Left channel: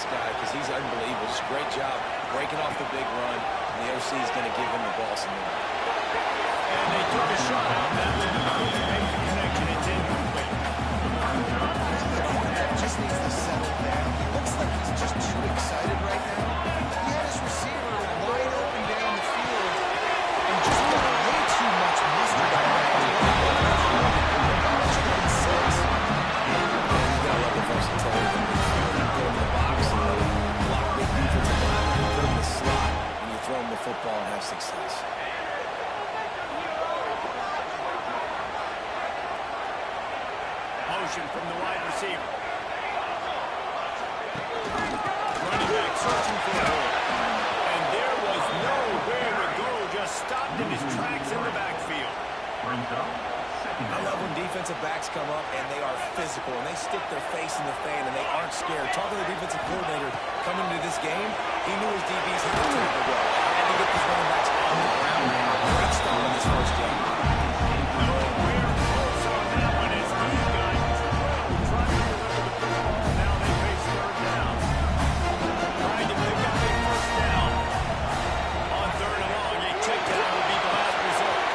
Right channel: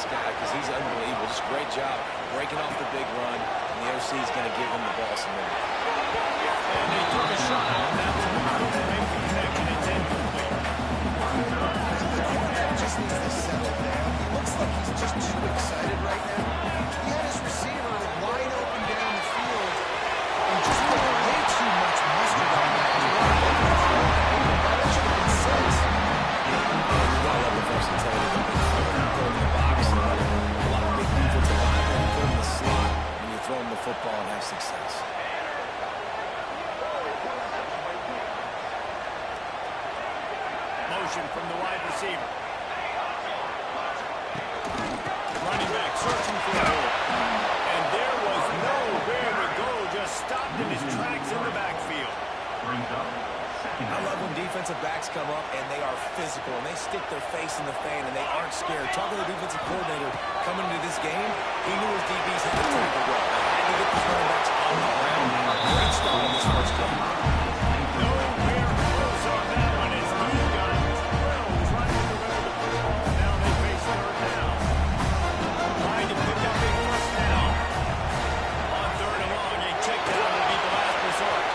this guy because he's unbelievable. Just great job breaking off the big run, and the OC is going to give him the ball some more. And they took a shot on that one. He couldn't make the connection. It's incomplete. Just needs to settle down. He looks like he's just too excited right now. He had his receiver wide open down the field and just put way too much mustard on that. That should have been 6. And you got to love the versatility of the big player. You put him in the box and let him block big defensive linemen. You put him in the slot and you throw him the football and have success. Motion from the wide receiver. Running back searching for a hole. And there was nowhere to go. Just stopped in his tracks in the backfield. I love when defensive backs come up and they are physical and they stick their face in the fan and they aren't scared. Talk to the defensive coordinator coming into this game. He knew his DBs had to tackle well. They had to get these running backs on the ground. Great start on this first game. Nowhere close on that one as he got 12 trying to deliver the football. Now they face third down. Trying to pick up a first down. On third and long, a check down will be the last resort.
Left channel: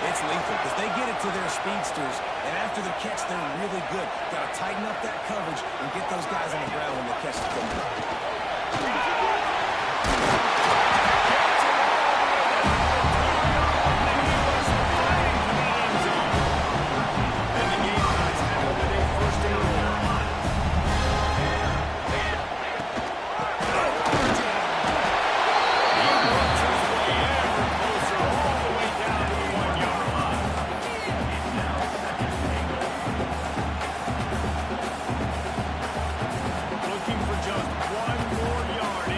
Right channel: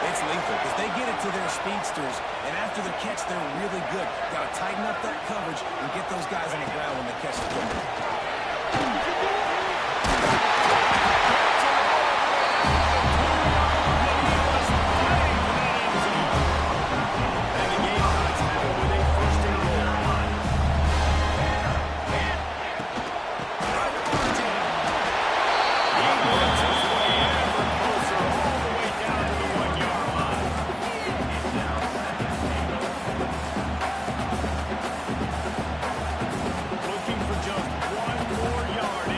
It's lethal because they get it to their speedsters, and after the catch, they're really good. Got to tighten up that coverage and get those guys on the ground when they catch the football. Just one more yard.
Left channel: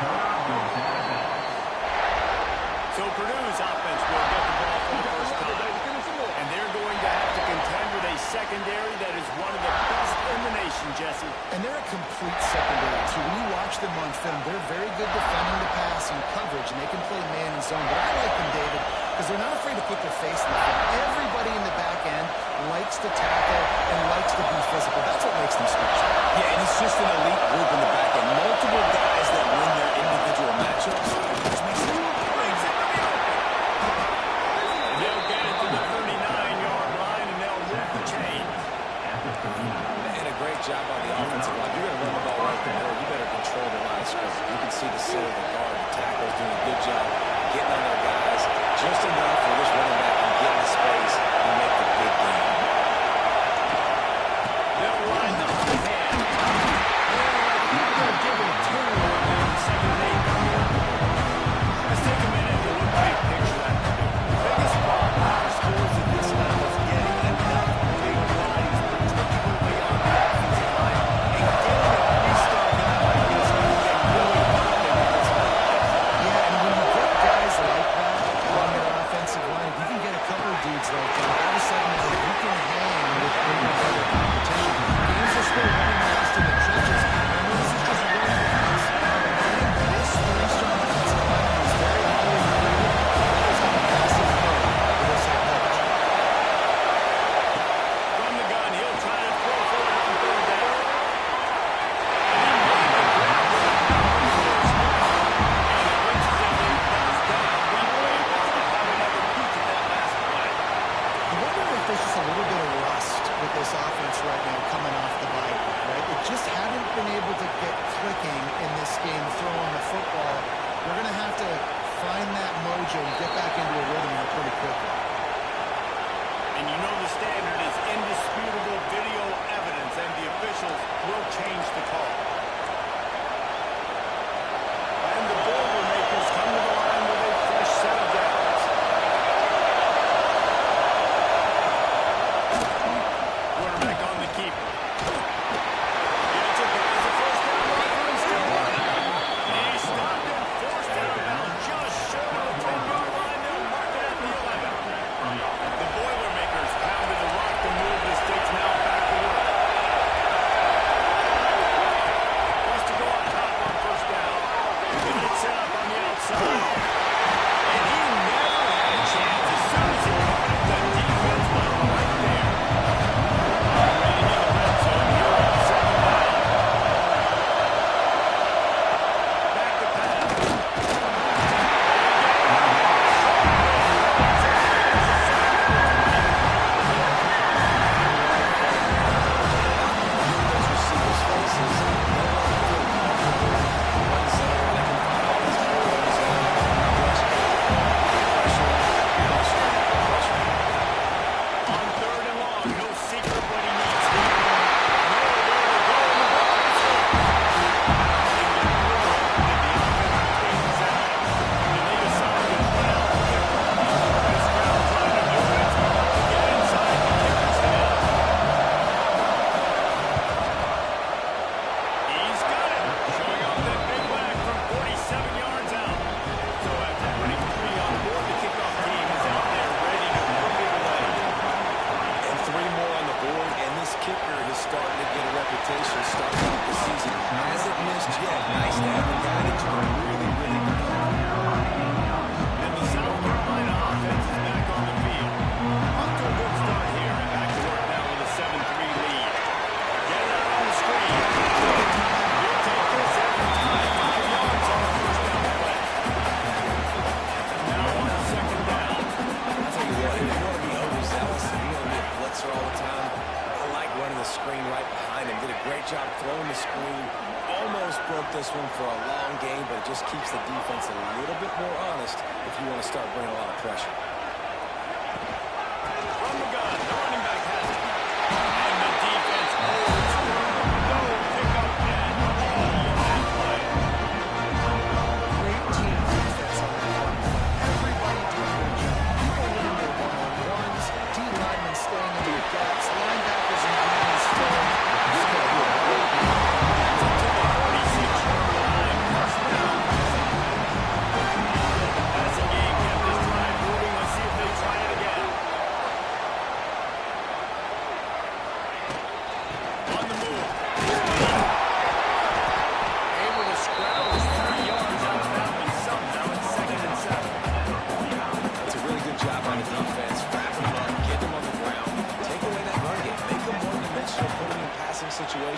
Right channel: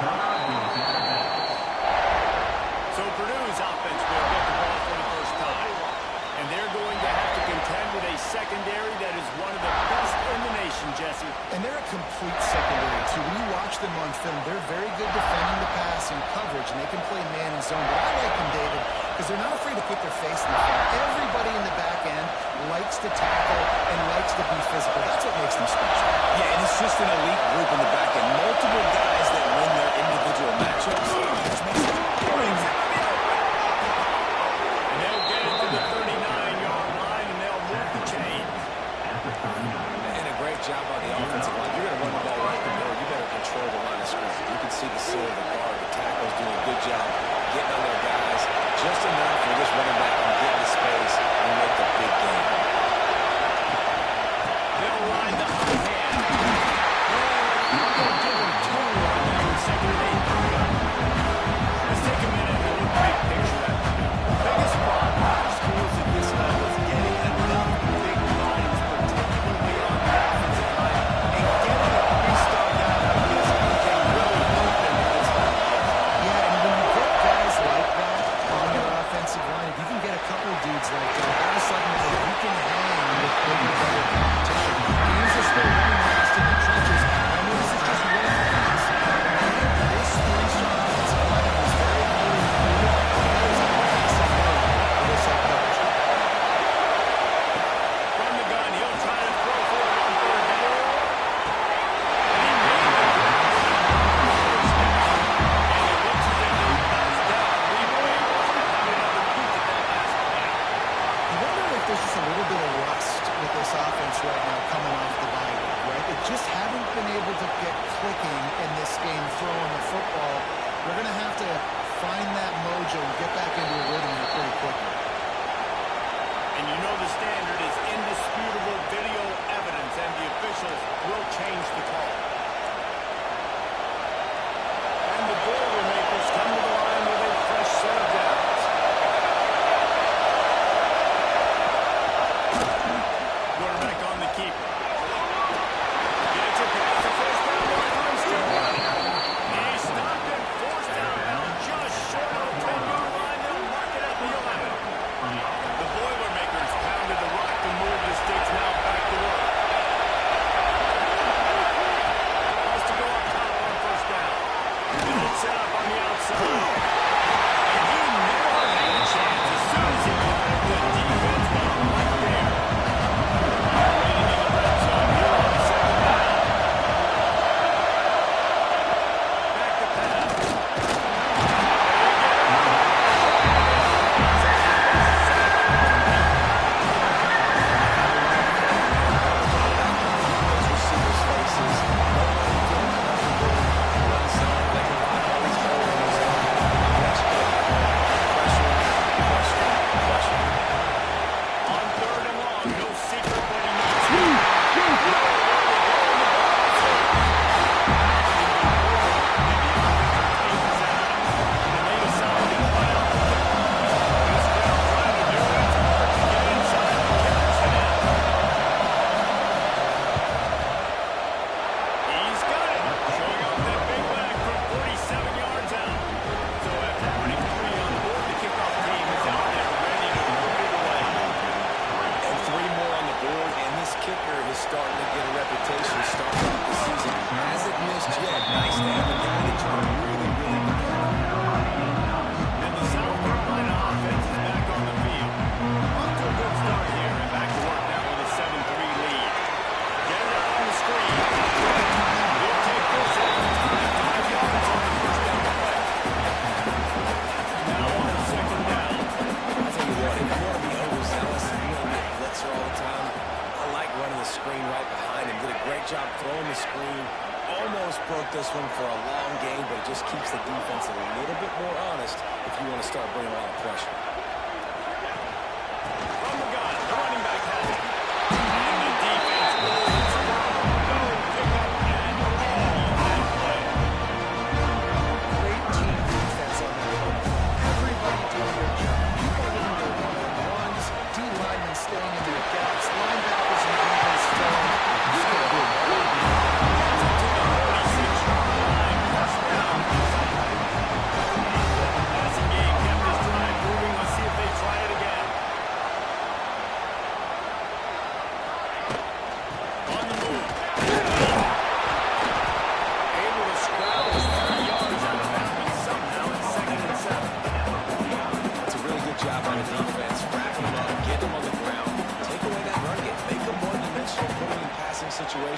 So Purdue's offense will get the ball for the first time. And they're going to have to contend with a secondary that is one of the best in the nation, Jesse. And they're a complete secondary, too. When you watch them on film, they're very good defending the pass and coverage, and they can play man and zone. But I like them, David, because they're not afraid to put their face in the film. Everybody in the back end likes to tackle and likes to be physical. That's what makes them special. Yeah, and it's just an elite group in the back end. Multiple guys that win their individual matchups, which makes them Brings it to the open. And they'll get it to the 39-yard line, and they'll move the chains. And a great job by the offensive line. You're going to run the ball right from there. You better control the line of scrimmage. You can see the center, the guard, the tackles doing a good job getting on their guys just enough for this running back can get into space and make the big game. They'll ride the hot hand. They'll give him 2 right now in 2nd and 8 coming up. Let's take a minute and look big picture at Purdue. The biggest problem for schools at this level is getting enough big bodies, particularly on the offensive line, and getting a 3-star guy like this can really help them at this level. Yeah, and when you get guys like that on your offensive line, if you can get a couple of dudes like that, all of a sudden now you can hang with bigger, better competition. Games are still running last in the trenches. I know this is just one pass. Getting this 3-star offensive lineman was very highly recruited. That is a massive win for this head coach. From the gun, he'll try to throw for it on 3rd down. And he made the grab with a number first down. And it looks as if they buzzed down. Replay wants to have another peek at that last play. You wonder if there's just a little bit of rust with this offense right now coming off the bye week, right? They just haven't been able to get clicking in this game throwing the football. They're going to have to find that mojo and get back into a rhythm here pretty quickly. And you know the standard is indisputable video evidence, and the officials will change the call. And the Boilermakers come to the line with a fresh set of downs. Quarterback on the keeper. Gets a pass, a first down, line still running. He stopped and forced out of bounds just short of the 10-yard line. They'll mark it at the 11. The Boilermakers pounded the rock to move the sticks, now back to work. Wants to go up top on 1st down. Got it set up on the outside. And he never had a chance. As soon as he caught it, the defense was right there. Operating in the red zone here on 2nd down. Back to pass. Those receivers' faces, let them feel comfortable in run zone. They can find all these holes and rush pressure, pressure, pressure. On 3rd and long, no secret what he needs here. Nowhere to go in the ball game. Pounding the ball, and the offensive team is out. And they decide to run out the kicker. This crowd trying to do its part to get inside the kicker's head. He's got it. Showing off that big leg from 47 yards out. So after putting 3 on the board, the kickoff team is out there ready to put it away. And 3 more on the board, and this kicker is starting to get a reputation starting off the season. Hasn't missed yet. Nice to have a guy that you can really, really depend on. And the South Carolina offense is back on the field. Off to a good start here, and back to work now with a 7-3 lead. Get it out on the screen. He'll take this every time. 5 yards on the 1st down play. Now on 2nd down. I'll tell you what, if you want to be overzealous and you want to be a blitzer all the time, I like running the screen right behind him. Did a great job throwing the screen. Almost broke this one for a long game, but it just keeps the defense a little bit more honest if you want to start bringing a lot of pressure. From the gun, the running back has it. And the defense overthrown. No pickup at all on that play. Great team defense on that run play. Everybody doing their job. People winning their one-on-ones, D-linemen staying in their gaps, linebackers and defense filling. You can't do it. Gets it to the 46-yard line. First down.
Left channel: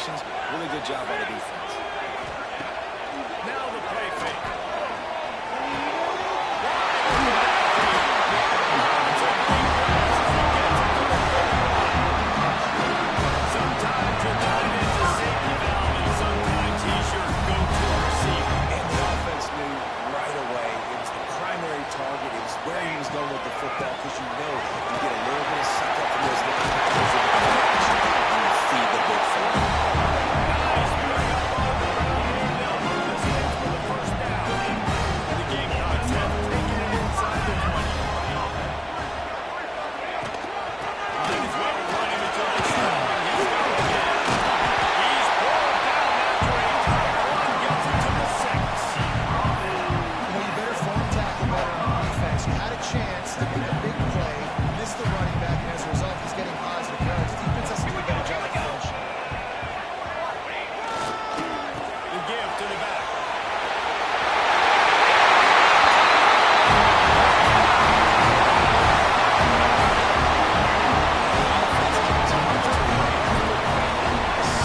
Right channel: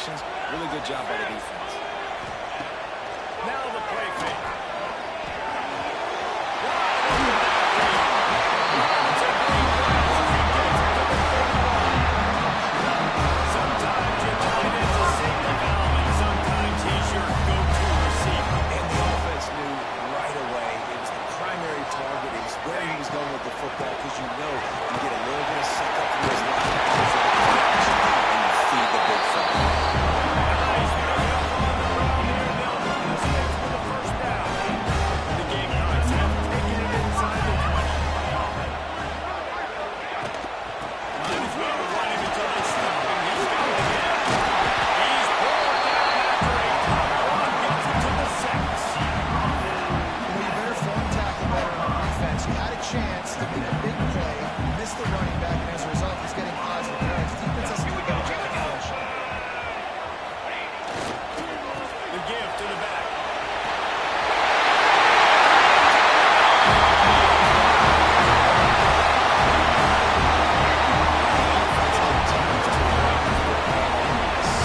situations. Really good job by the defense. Now the play fake. Wide open downfield. Lots of green grass as he gets it to the 31. Sometimes your tight end's a safety valve, and sometimes he's your go-to receiver. And the offense knew right away it was the primary target. It was where he was going with the football, because you know you get a little bit of suck up from those linebackers with the play action, and you feed the big fella. Nice bring up on the ground here. They'll move the sticks for the first down. The Gamecocks have taken it inside the 20. Might as well run him until they stop him. He's got it again. He's pulled down after a tough one. Gets it to the 6. You better form tackle better on defense. You had a chance to make a big play, missed the running back, and as a result, he's getting positive yards. Defense has to do a better job of finishing. The give to the back.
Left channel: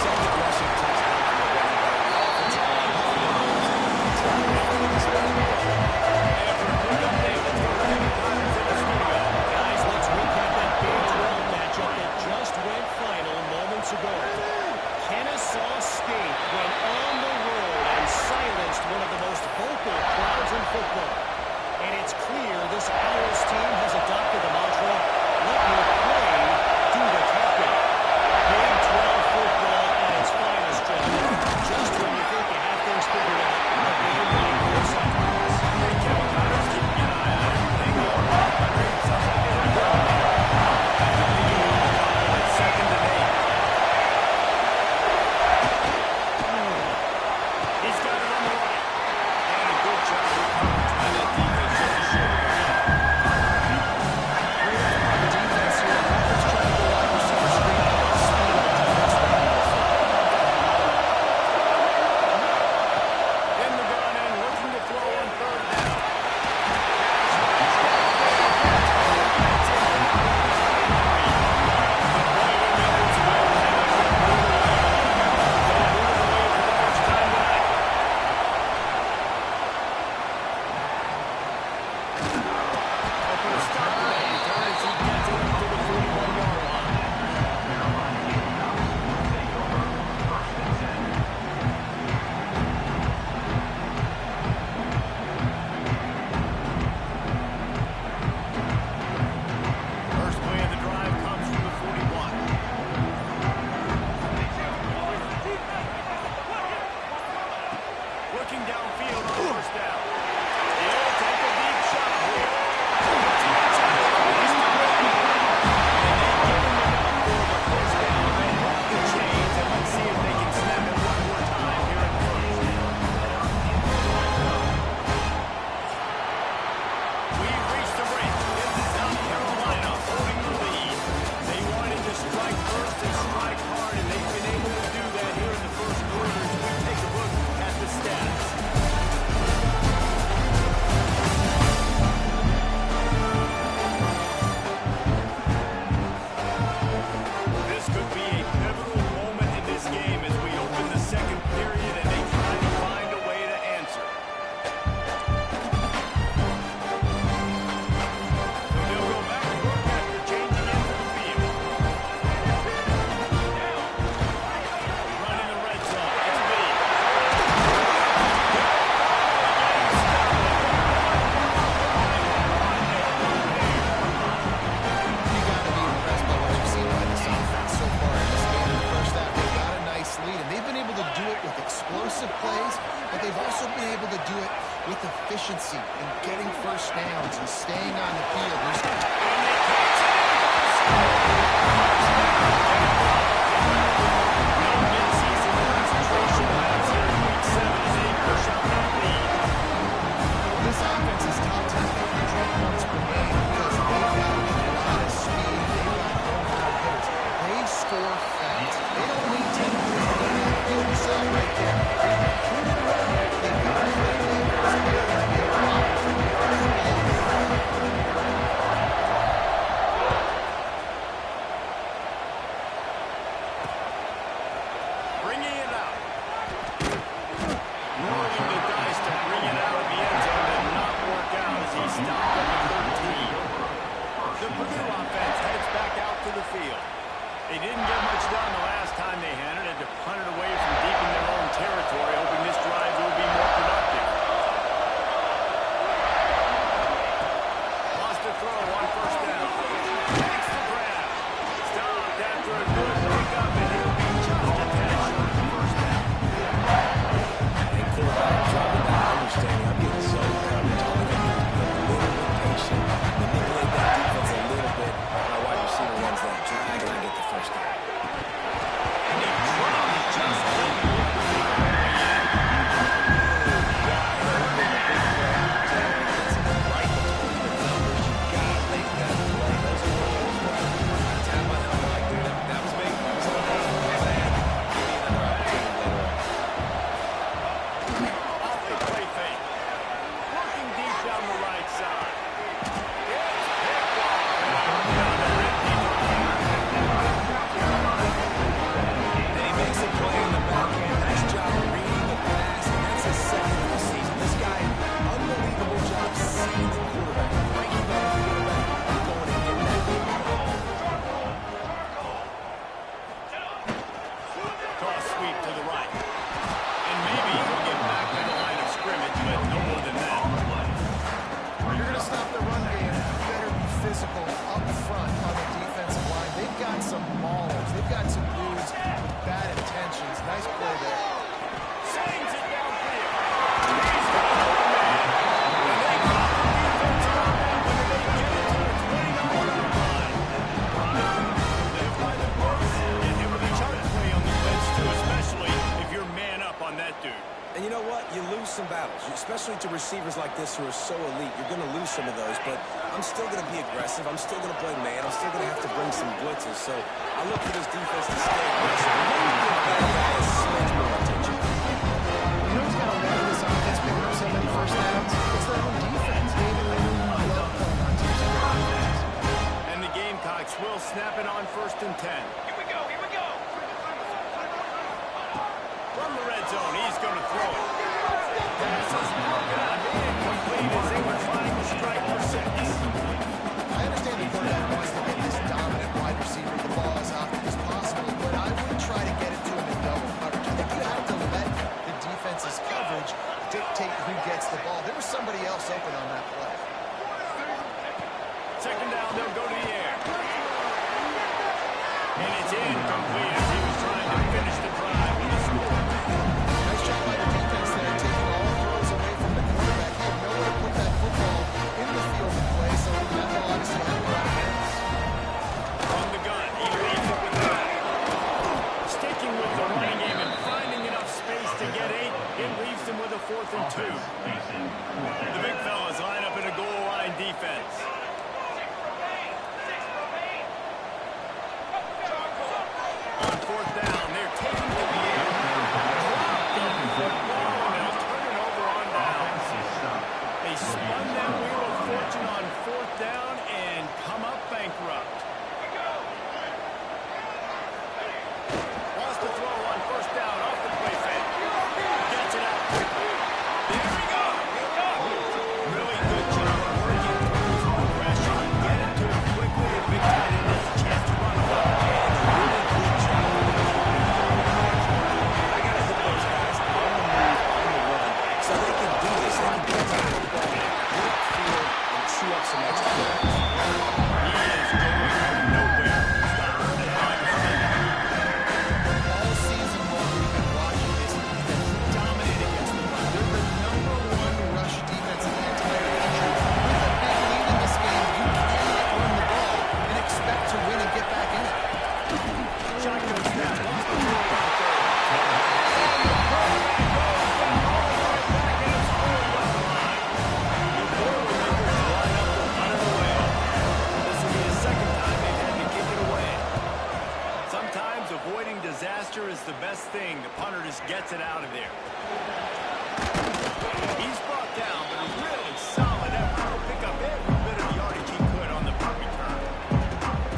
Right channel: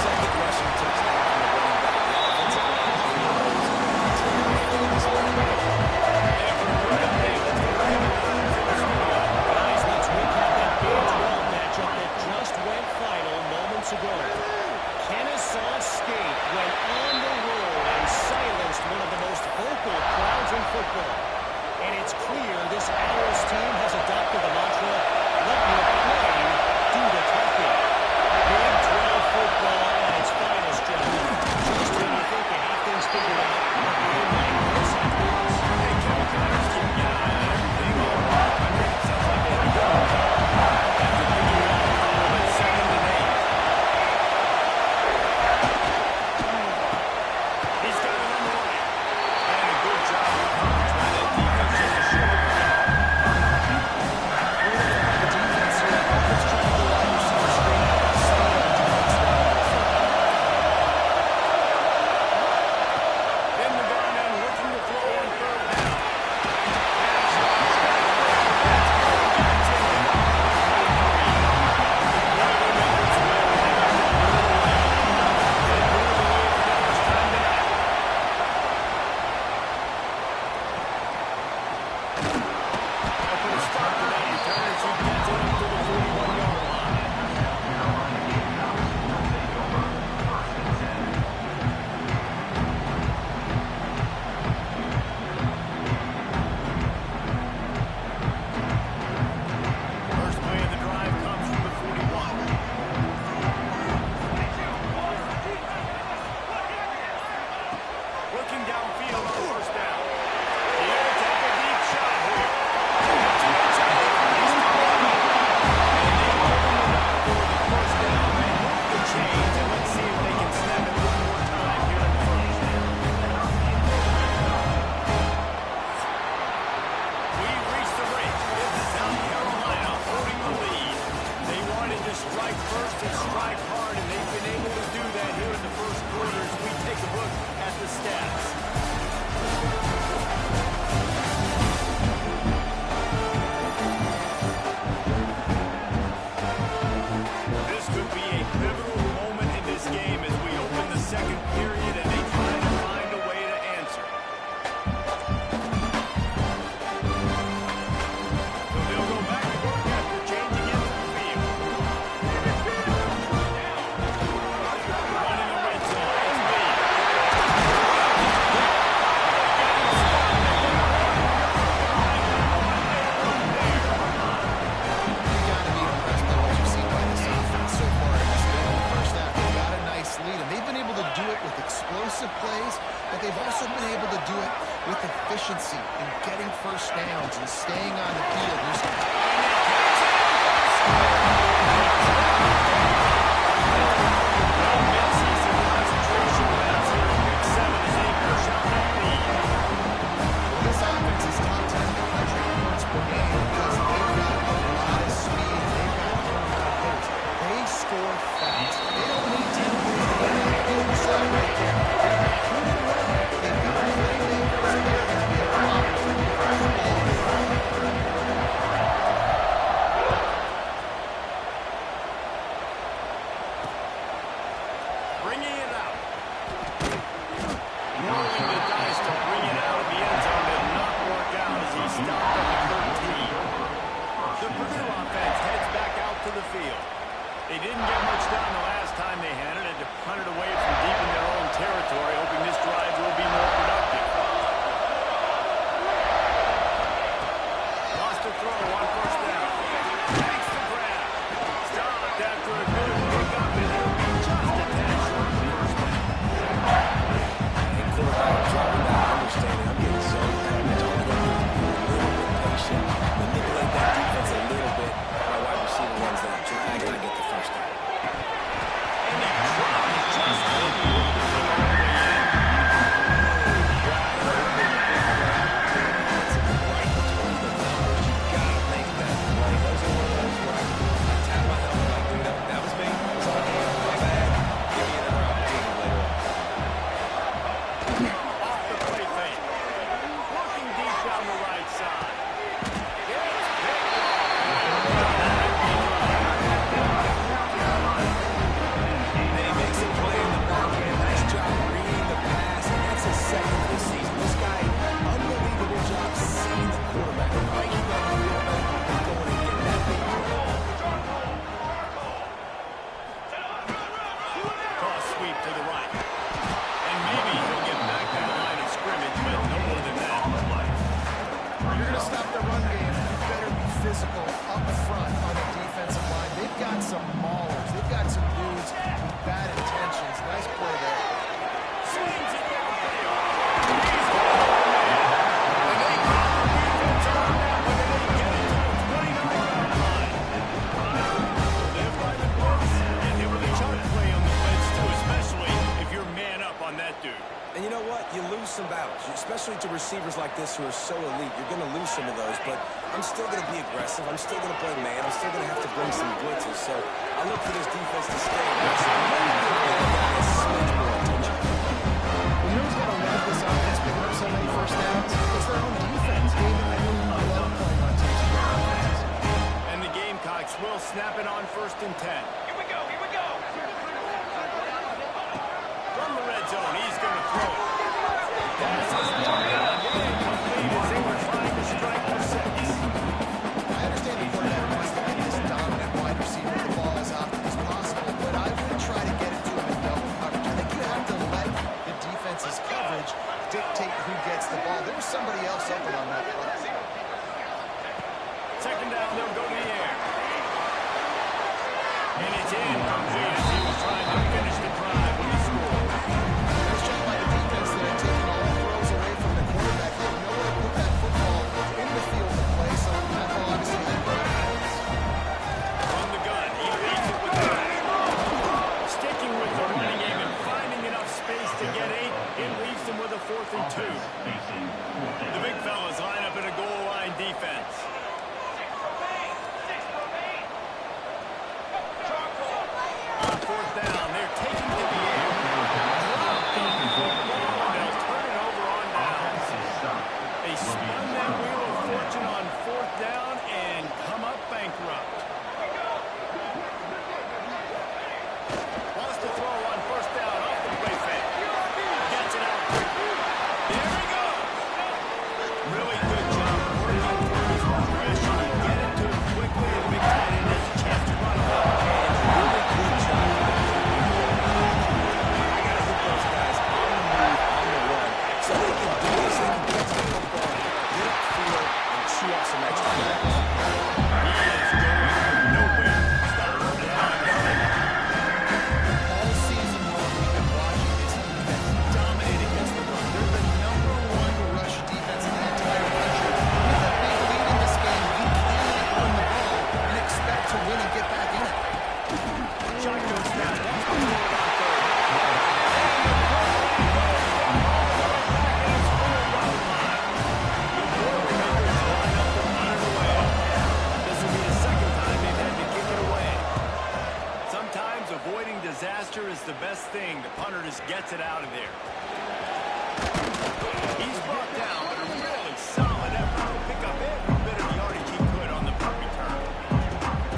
Second rushing touchdown from the running back. The offensive line this one. And for a quick update, let's go to Kevin Connors in the studio. Guys, let's recap that Big 12 matchup that just went final moments ago. Kennesaw State went on the road and silenced one of the most vocal crowds in football. And it's clear this Owls team has adopted the mantra, let your play do the talking. Big 12 football at its finest, gentlemen. Just when you think you have things figured out, a game like this happens. Hey, Kevin Connors keeping an eye on everything all around the country. Sounds like they had a ground game. After picking up the call at 2nd and 8. He's got it on the right. And a good job of coverage by that defense just to short it out. Great effort by the defense here. Offense trying to go wide receiver screen. Speed on defense running the football. In the gun and looking to throw on 3rd down. Pass runs back there. Gets home. Gets it down to the 23. The Boilermakers will line up to put it away. They'll put it away for the first time tonight. They'll put a stop to that return as he gets it up to the 41-yard line. First play of the drive comes from the 41. Looking downfield on first down. He'll take a deep shot here. Puts it inside the place to go. And they give him enough for the first down. They move the chains, and let's see if they can snap it one more time here in the first. We've reached the break. It's South Carolina holding the lead. They wanted to strike first and strike hard, and they've been able to do that here in the first quarter as we take a look at the stats. This could be a pivotal moment in this game as we open the second period and they try to find a way to answer. So they'll go back to work after changing into the field. Running the red zone. It's Lee. They'll finally get him stopped at the 1-yard line. What a run there. You got to be impressed by what you've seen by this offense so far in this game. In the first half, they got a nice lead, and they've been able to do it with explosive plays, but they've also been able to do it with efficiency and getting first downs and staying on the field. And they catch it in for the score. Touchdown, Gamecocks. No midseason concentration laps here in Week 7 as they push out that lead. Well, this offense is top 10 in the country in points per game because they've got a lot of speed and they've got home-run hitters. They score fast. They don't need 10 points to get on the field. You saw it right there. They've recruited well. They've got playmakers. They're going to be able to operate the ball. tries to bring it out of the end zone. Did not work out as he stopped at the 13. The Purdue offense heads back out to the field. They didn't get much done the last time they had it. Had to punt it away from deep in their own territory, hoping this drive will be more productive. Lost a throw on first down. Takes the grab. Stopped after a good pickup, and he'll be just a tad short of the first down. Hey, quarterback, dropping that understanding. I'm getting zone coverage. All I got to do is be a little bit patient, manipulate that defense a little bit. My wide receiver runs that drag, and I get the first down. And he dropped it just didn't move the thing all the way in. Wide open, a big play opportunity. It's right between the numbers. You got to make that play. Those are one of those where I tap my helmet like, dude, that was me. That was on me. My bad. Give me another opportunity later on. Off the play fake. Working deep down the right side. It's picked off. Then he makes a play in the back end. Nice job reading the pass, and that's his second of the season. This guy, unbelievable job seeing the quarterback, breaking down the quarterback, and going and getting that big play. Toss sweep to the right. And maybe he'll get back to the line of scrimmage, but no more than that. You're going to stop the run game. You better be physical up front on the defensive line. They've got some maulers. They've got some dudes with bad intentions. Nice play there. Slings it downfield. He's got an open man. And they got the defense on that one, and they get it to the 29-yard line. Live by the blitz and hit with a chunk play on the blitz, too, especially if you're man up on that dude. And you know what? You lose some battles, especially to receivers like this who are so elite. You're going to lose some of those, but I'm still going to be aggressive. I'm still going to play man. I'm still going to have to bring some blitzes. So I look for this defense to stay aggressive. Maybe give the bad guy a smidge more attention. You know who's got to love this offense picking up so many first downs? It's their own defense. David, I know you love playing on teams with great defenses. And the Gamecocks will snap it on 1st and 10. Here we go, here we go. From the red zone, he's going to throw it. Pass is broken up, incomplete as they were trying to strike for 6. I understand the quarterback wants to get this dominant wide receiver the ball as often as possible, but I would try to get it to him in double coverage. I think you have to let the defense's coverage dictate who gets the ball. There was somebody else open on that play. Second down, they'll go to the air. And it's incomplete as he was trying to finish the drive with a score. Nice job by the defense there, taking all throws away from the quarterback. He had nowhere to put that football in the field to play, so that ball obviously had to go out of bounds. From the gun, he leads it with the back. Sticking with the running game and finding enough space to get 8, it leaves him with a 4th and 2. The big fellas line up in a goal line defense. On 4th down, they're taking to the air. Drop the football, and they'll turn it over on down. They spun that wheel of fortune on 4th down and come up bankrupt. Wants to throw on 1st down off the play fake. Gets it out quickly. There he goes. Really good job working through his progression. You get it to him quickly, and big tight end has a chance to run away. And a really good job with the QB quarterback. I got to hit those guys on the move, on the run, so they can do this. They can get to the football, get upfield, and chew up some extra yards. He is going nowhere. Stop at the line of scrimmage. All season long, we've been watching this defense dominate against the run. They're the #1 rush defense in the entire country. With a big lead in this game, you cannot run the ball and expect to win and get back in it. Shotgun snap. Wants to throw it on 3rd. And the quarterback goes down all the way back in his 4-yard line. The Boilermakers line up to punt it away. This will be the 2nd time they've had to kick it away. Sometimes avoiding disaster is the best thing. The punter just gets it out of there. He's brought down, but a really solid effort to pick up every bit of yardage he could on the punt return.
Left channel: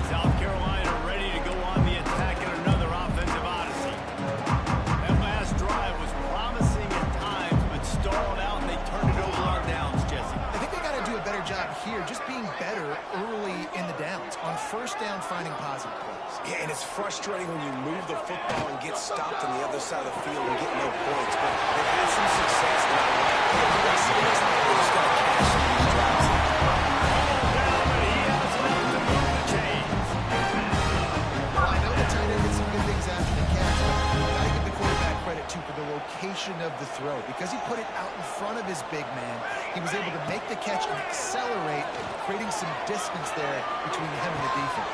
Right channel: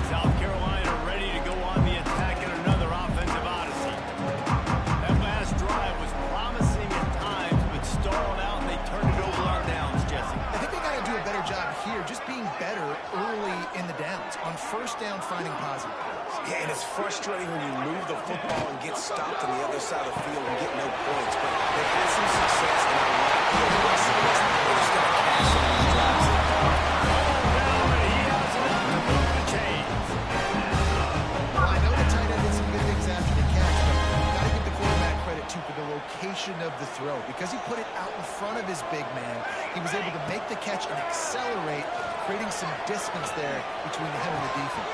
South Carolina ready to go on the attack in another offensive odyssey. That last drive was promising at times, but stalled here, just being better early in the downs. On first down, finding positive plays. Yeah, and it's frustrating when you move the football and get stopped on the other side of the field and get no points. But they've had some success, and I like the aggressiveness. They just got to cash into these drives. Ball down, and he has enough to move the chains. Well, I know the tight end did some good things after the catch, but you got to give the quarterback credit, too, for the location of the throw. Because he put it out in front of his big man, he was able to make the catch and accelerate, creating some distance there between him and the defense.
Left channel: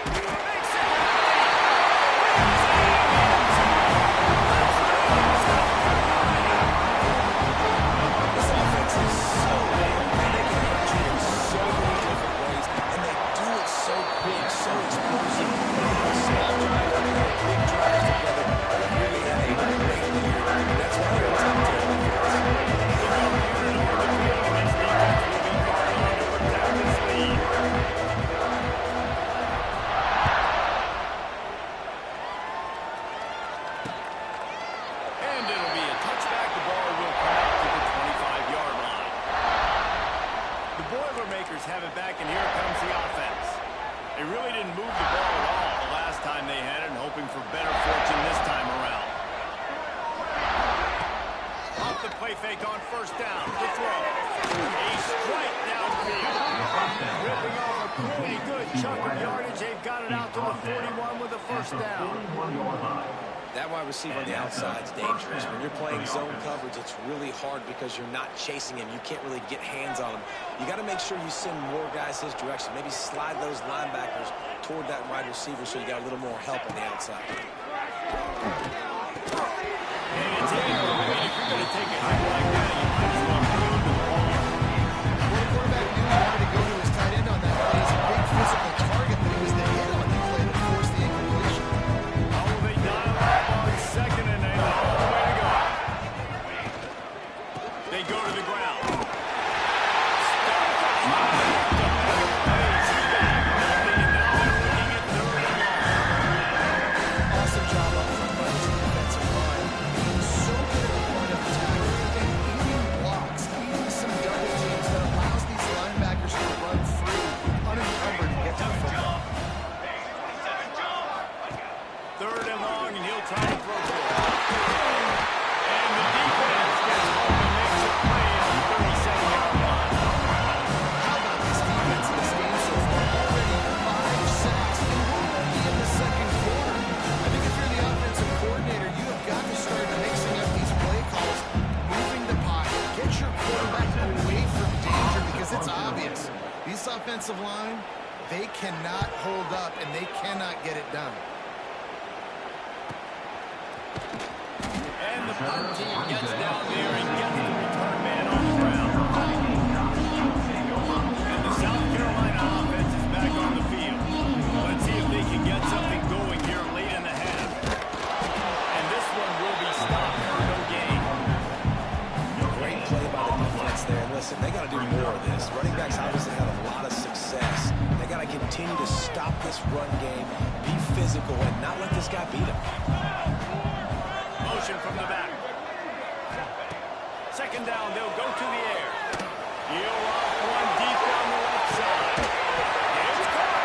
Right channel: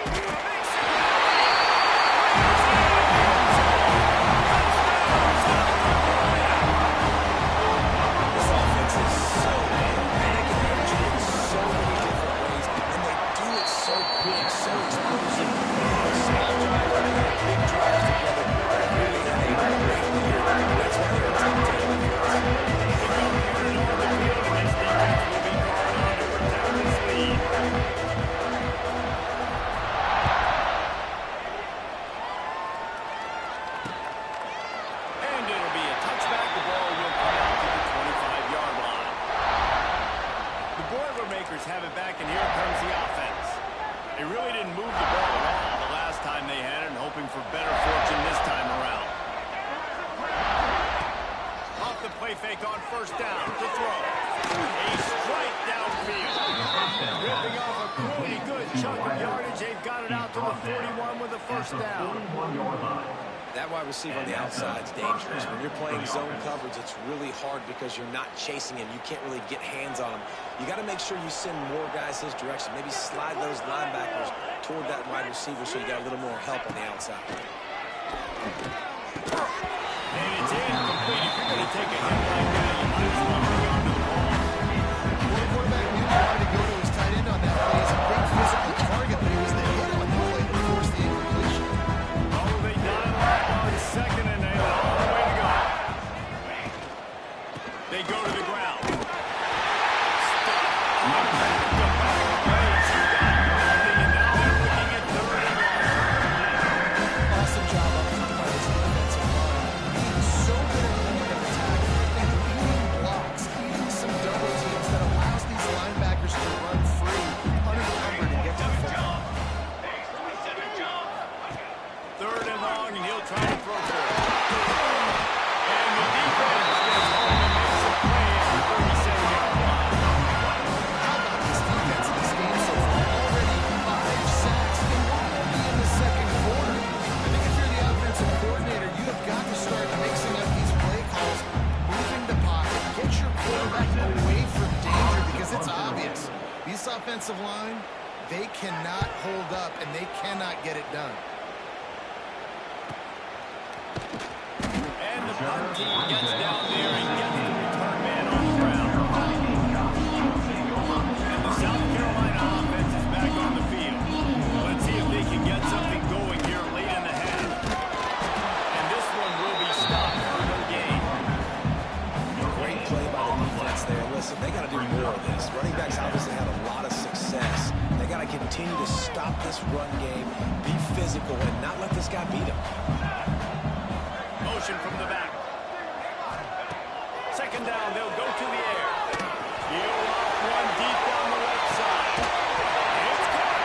This offense is so good, and they can hurt you in so many different ways, and they do it so quick, so explosive. Small drives together, big drives together. They really had a great year. That's why they're a top 10 offense. And it'll be a touchback. The ball will come out to the 25-yard line. The Boilermakers have it back, and here comes the offense. They really didn't move the ball at all the last time they had it, and hoping for better fortune this time around. Off the play fake on first down. The throw. A strike downfield. Ripping off a really good chunk of yardage. They've got it out to the 41 with a first down. That wide receiver on the outside is dangerous. When you're playing zone coverage, it's really hard because you're not chasing him. You can't really get hands on him. You got to make sure you send more guys his direction. Maybe slide those linebackers toward that wide receiver so you got a little more help on the outside. And it's incomplete. If you're going to take a hit like that, you might as well hang on to the ball. Well, the quarterback knew he wanted to go to his tight end on that play. He's a big physical target, but it was the hit on the play that forced the incompletion. Oh, they dial up on second and 8. All the way to go. They go to the ground. Stuck on back-to-back plays. He got nothing, and now they're looking at third and long. Awesome job up front by this defensive line. Being so good at the point of attack and eating blocks, eating some double teams that allows these linebackers to run free, unencumbered, and get to the football. Third and long, and he'll try to throw for it. And the defense gets home and makes a play at the 37-yard line. How about this defense in this game so far? Already 5 sacks, and we're only in the second quarter. I think if you're the offensive coordinator, you have got to start mixing up these play calls, moving the pocket, get your quarterback away from danger, because it's obvious. This offensive line, they cannot hold up, and they cannot get it done. And the punt team gets down there and gets the return man on the ground. And the South Carolina offense is back on the field. Let's see if they can get something going here late in the half. And this one will be stopped for no gain. Great play by the defense there. And listen, they got to do more of this. Running backs obviously had a lot of success. They got to continue to stop this run game, be physical, and not let this guy beat them. Motion from the back. Second down, they'll go to the air. Heel off one deep down the left side. It's caught.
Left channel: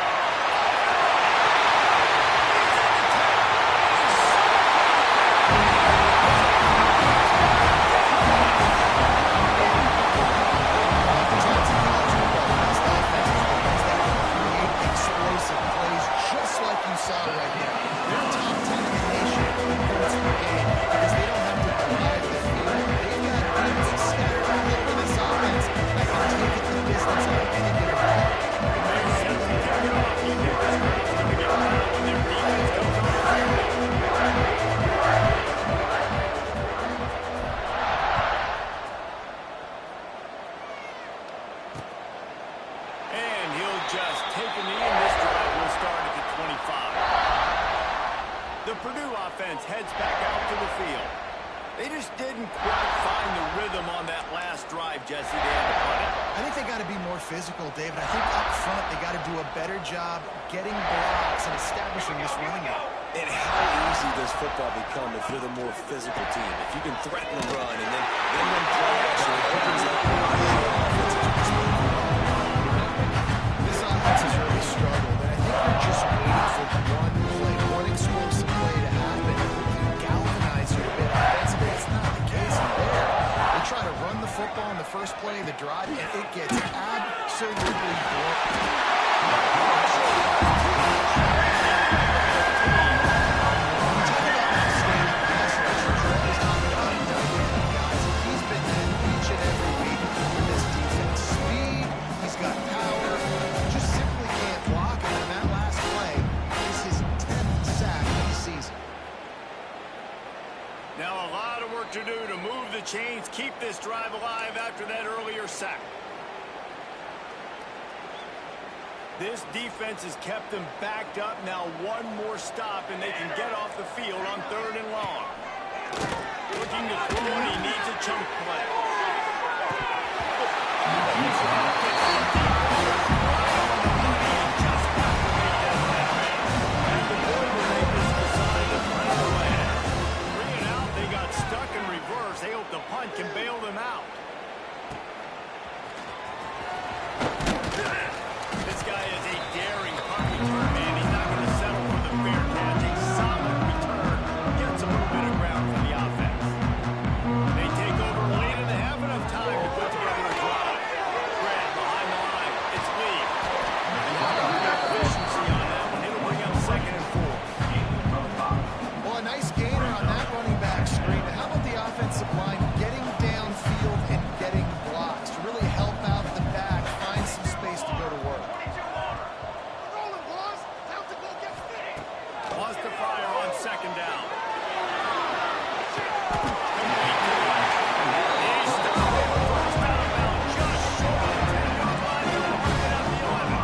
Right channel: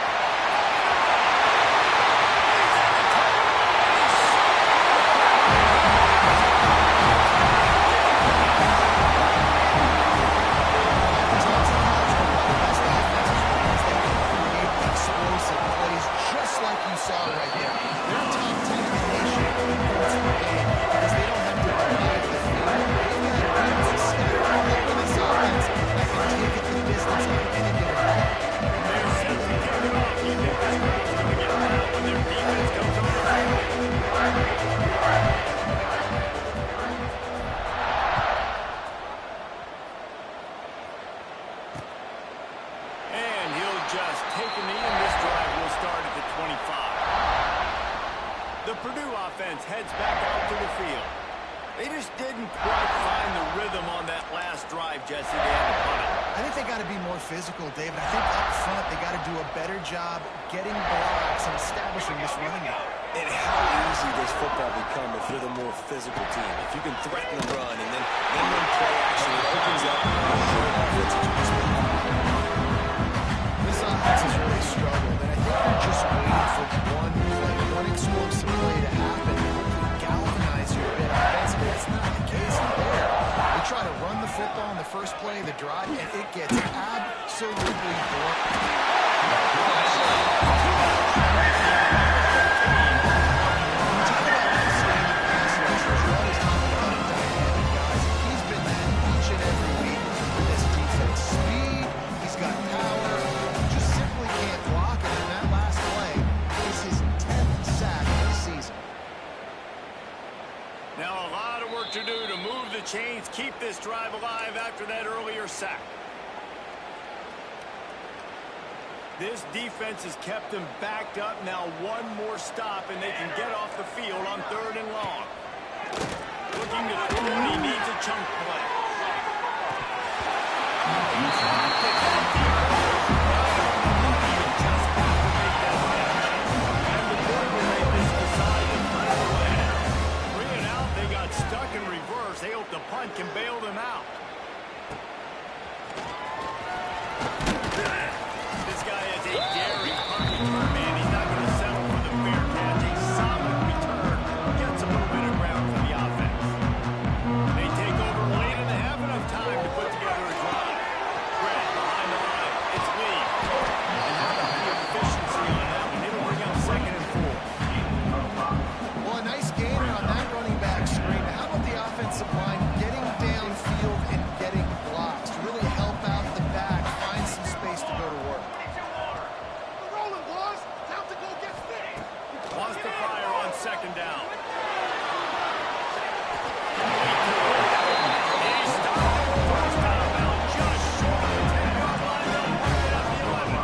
He's in the tape. He's Oftentimes in college football, the best offenses are the ones that can create explosive plays, just like you saw right there. They're top 10 in the nation in points per game because they don't have to provide the field. They've got defenses scattered all over this offense that can take it the distance on any given play. They're set to kick it off. You think this crowd's going to get loud when their defense comes on? And he'll just take a knee, and this drive will start at the 25. The Purdue offense heads back out to the field. They just didn't quite find the rhythm on that last drive, Jesse. They had to punt it. I think they got to be more physical, David. I think up front they got to do a better job getting blocks and establishing this running game. And how easy does football become if you're the more physical team? If you can threaten the run and then run play action, it opens up a whole offense that you can spend on. run the football in the first play of the drive, and it gets absolutely blown. Got power, just simply can't block him, and that last play is his 10th sack of the season. Now a lot of work to do to move the chains, keep this drive alive after that earlier sack. This defense has kept them backed up. Now one more stop, and they can get off the field on 3rd and long. Looking to throw, and he needs a chunk play. He's locked it from deep waters, right on the money, and just have to make that happen. And the Boilermakers decide to punt it away. 3 and out, they got stuck in reverse. They hope the punt can bail them out. This guy is a daring punt return, man. He's not going to settle for the fair catch. A solid return gets a little bit of ground for the offense. They take over late in the half, enough time to put together a drive. Behind the line, it's Lee. And how about the efficiency on that one? It'll bring up 2nd and 4. Well, a nice gainer on that running back screen. How about the offensive line getting downfield and getting blocks to really help out the back, find some space to go to work. Rolling, boys. Time to go get fit. Wants to fire on 2nd down. He's stopped at the first down bound, just short of the 10-yard line. They'll mark it at the 11.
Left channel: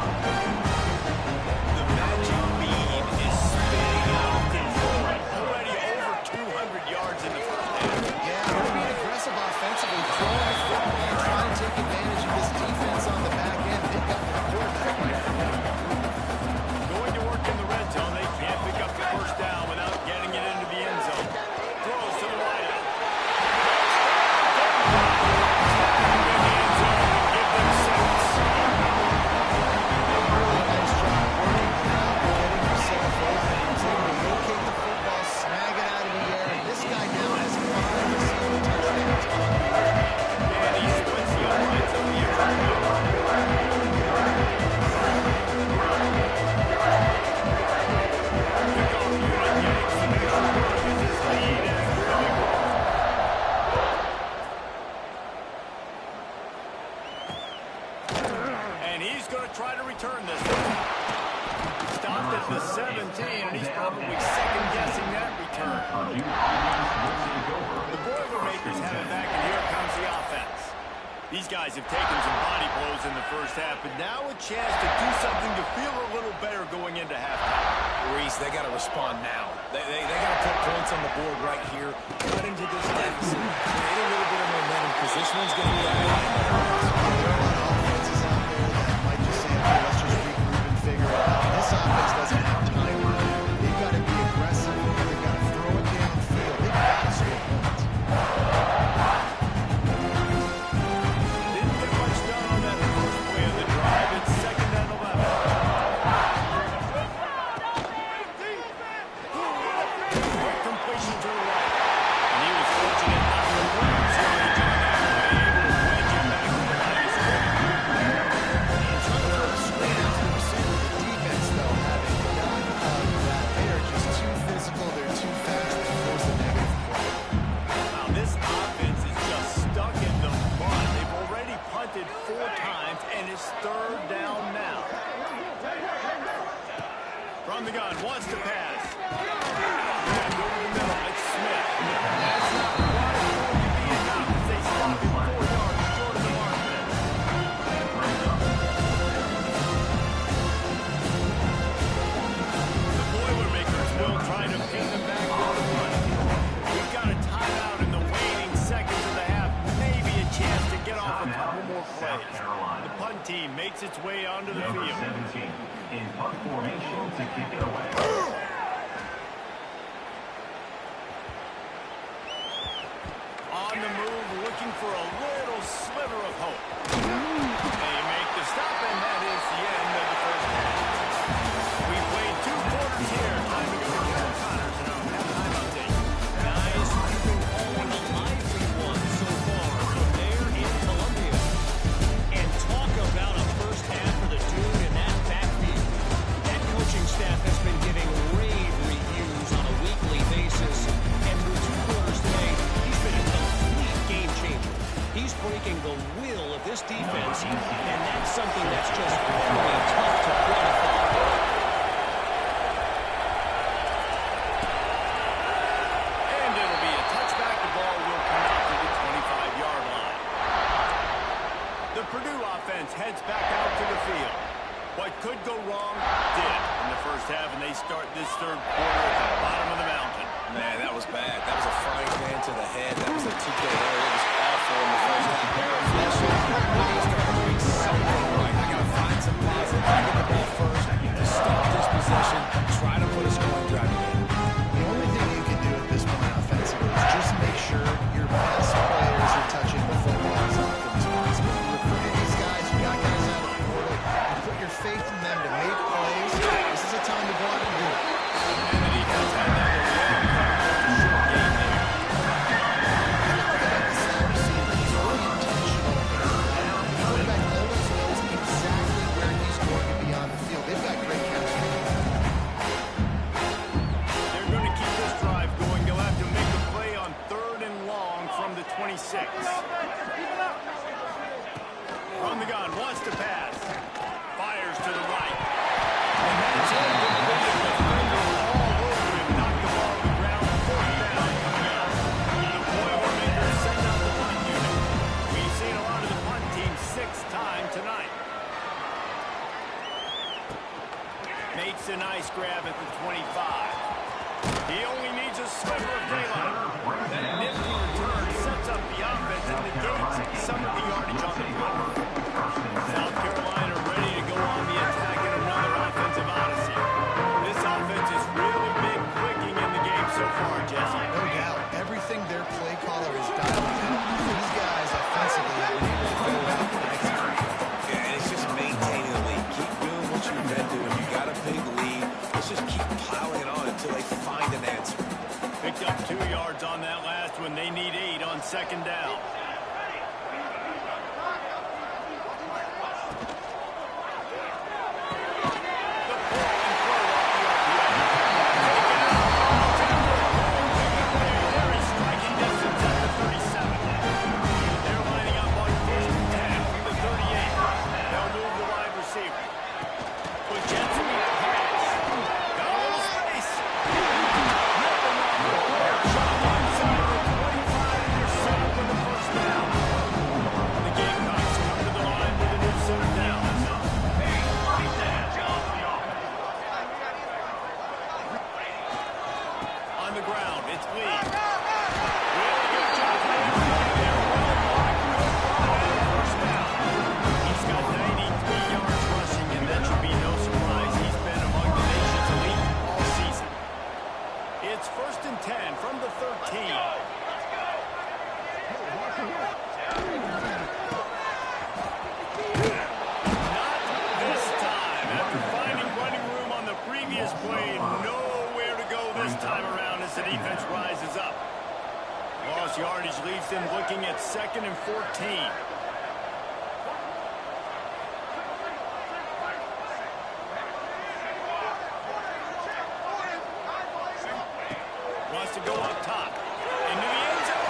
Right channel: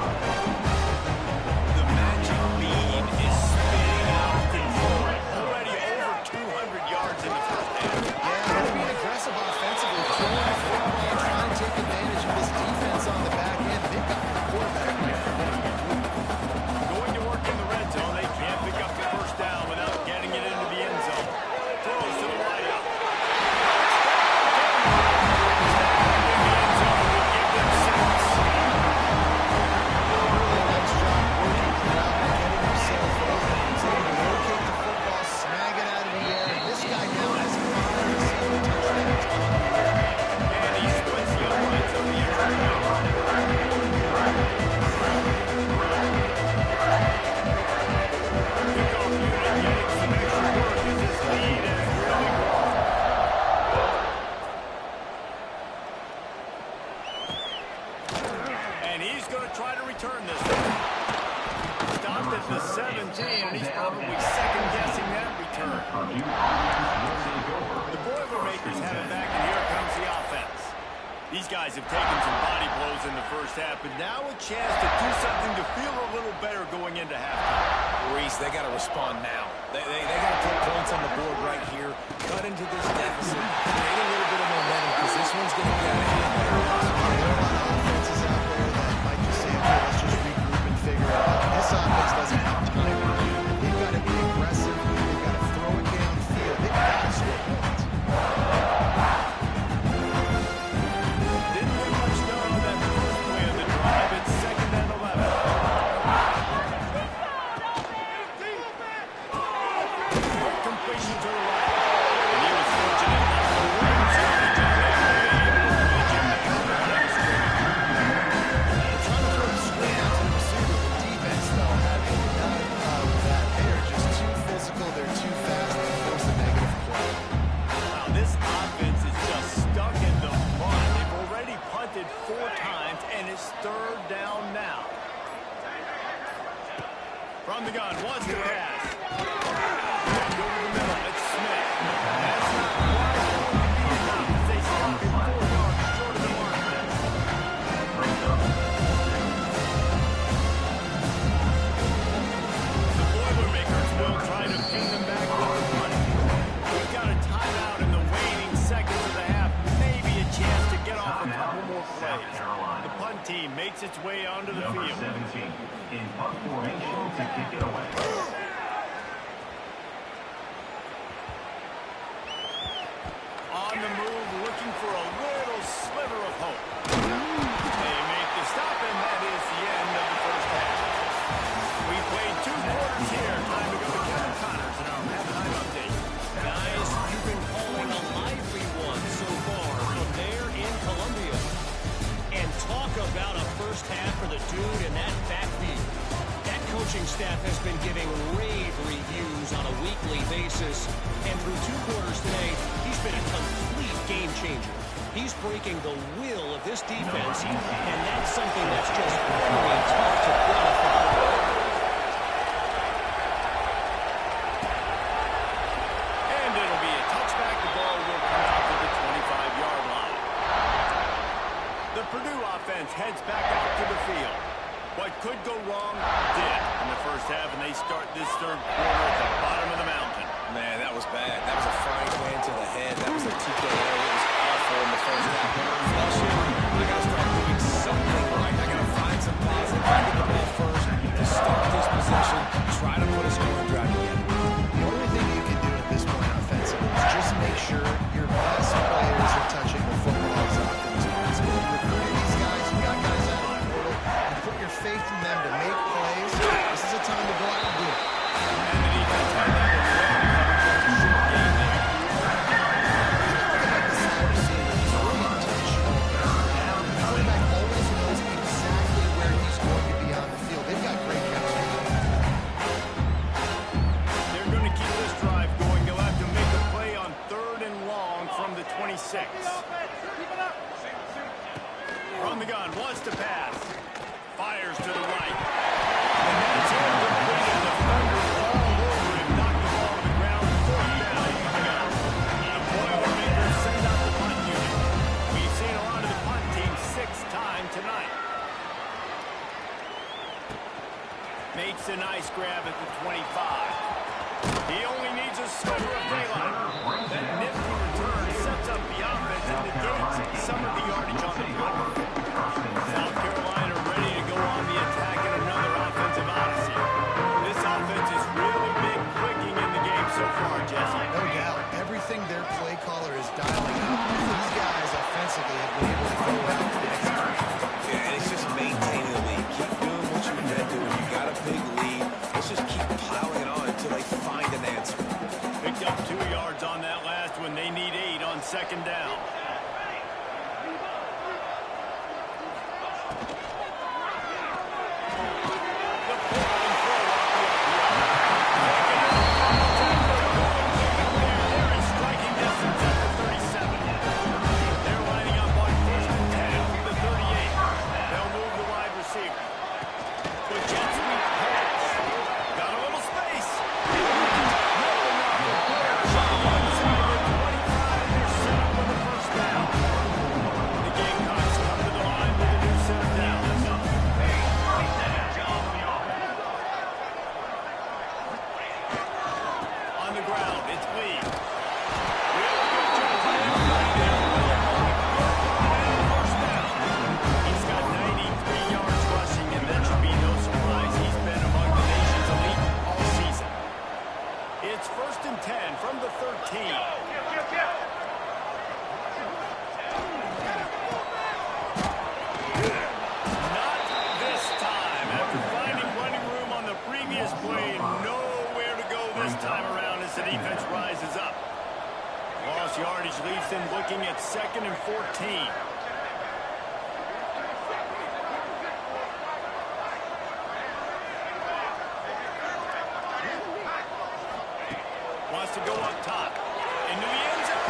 The magic beam is spinning out of control. Already over 200 yards in the first half. Yeah, they're being aggressive offensively, throwing the football, trying to take advantage of this defense on the back end. They've got the quarterback right for winning. Going to work in the red zone. They can't pick up the first down without getting it into the end zone. Throws to the wideout. In the end zone to give them 6. Really nice job working the route and getting himself open. He's able to locate the football, snag it out of the air, and this guy now has 5 receiving touchdowns on the year. And he splits the uprights of the extra point. Kickoff unit getting some extra work as his lead has really grown. And he's going to try to return this one. Stopped at the 17, and he's probably second-guessing that return. The Boilermakers have it back, and here comes the offense. These guys have taken some body blows in the first half, but now a chance to do something to feel a little better going into halftime. Reese, they got to respond now. They got to put points on the board right here, cut into this deficit, create a little bit of momentum, because this one's going to be out of hand. There are a lot of offenses out there that might just say, okay, let's just regroup and figure it out. This offense doesn't have time to do it. They've got to be aggressive. They've got to throw it downfield. They've got to score points. Didn't get much done on that first play of the drive. It's 2nd and 11. Quick completion to the right. And he was fortunate not to lose yardage on that play, able to wedge him back to the line of scrimmage. They're trying to throw the screen out to the receiver. The defense, though, having none of that. They are just too physical. They're too fast to force a negative play. Wow, this offense is just stuck in the mud. They've already punted 4 times, and it's 3rd down now. From the gun, wants to pass. And over the middle, it's Smith. That's not quite going to be enough as they stop him 4 yards short of the mark. The Boilermakers will try to pin them back with the punt. We've got a timeout in the waning seconds of the half. Maybe a chance to get off a couple more plays. The punt team makes its way onto the field. 17 in punt formation to kick it away. On the move, looking for a little sliver of hope. They make the stop, and that is the end of the first half. We played 2 quarters here. Time to go to Kevin Connors in our halftime update. Guys, you've been calling a lively one so far. From there striking the will of this defense, and that's something that's just very tough to quantify. And it'll be a touchback. The ball will come out to the 25-yard line. The Purdue offense heads back out to the field. What could go wrong did in the first half, and they start this third quarter at the bottom of the mountain. Man, that was bad. That was a frying pan to the head. That was a TKO. It was awful in the first half. I got to start doing something right. I got to find some positive. I get the ball first to start this possession. Try to put a scoring drive again. The only thing you can do at this point offensively is just make sure your best players are touching the football as often as possible. You recruited these guys. You got guys out of the portal. You put your faith in them to make plays. This is a time to go out and do it. And the defense had that one well covered during the short game there. Look at this slot receiver. He's really intentional in his route. The quarterback always knows exactly where he's going to be on the field. They've got great chemistry. They're going to keep this drive going. They'll have to make a play on 3rd and long from the 26. From the gun, wants to pass. Fires to the right. And that's incomplete. A defender all over him. Knocked the ball to the ground. 4th down coming up. The Boilermakers send out the punt unit. We've seen a lot of the punt team 6th time tonight. Makes a nice grab at the 25. He only needs a sliver of daylight. That nifty return sets up the offense and negates some of the yardage on the punt. South Carolina ready to go on the attack in another offensive odyssey. This offense has really been clicking in the game so far, Jesse. No doubt. Everything their play caller is dialing up, these guys offensively have been able to go out and execute. Yeah, and it's just maintaining the lead. Keep doing what you've been doing. You got a big lead. Let's just keep piling it on until they find an answer. Picked up 2 yards on that last one. They need 8 on 2nd down. It's 1st and 10 from the 13. Not this time. After finding running room on the previous play, nowhere to go this time around as the defense rises up. Lost yardage leaves them looking at 2nd and 14. Wants to go up top. Into the end zone.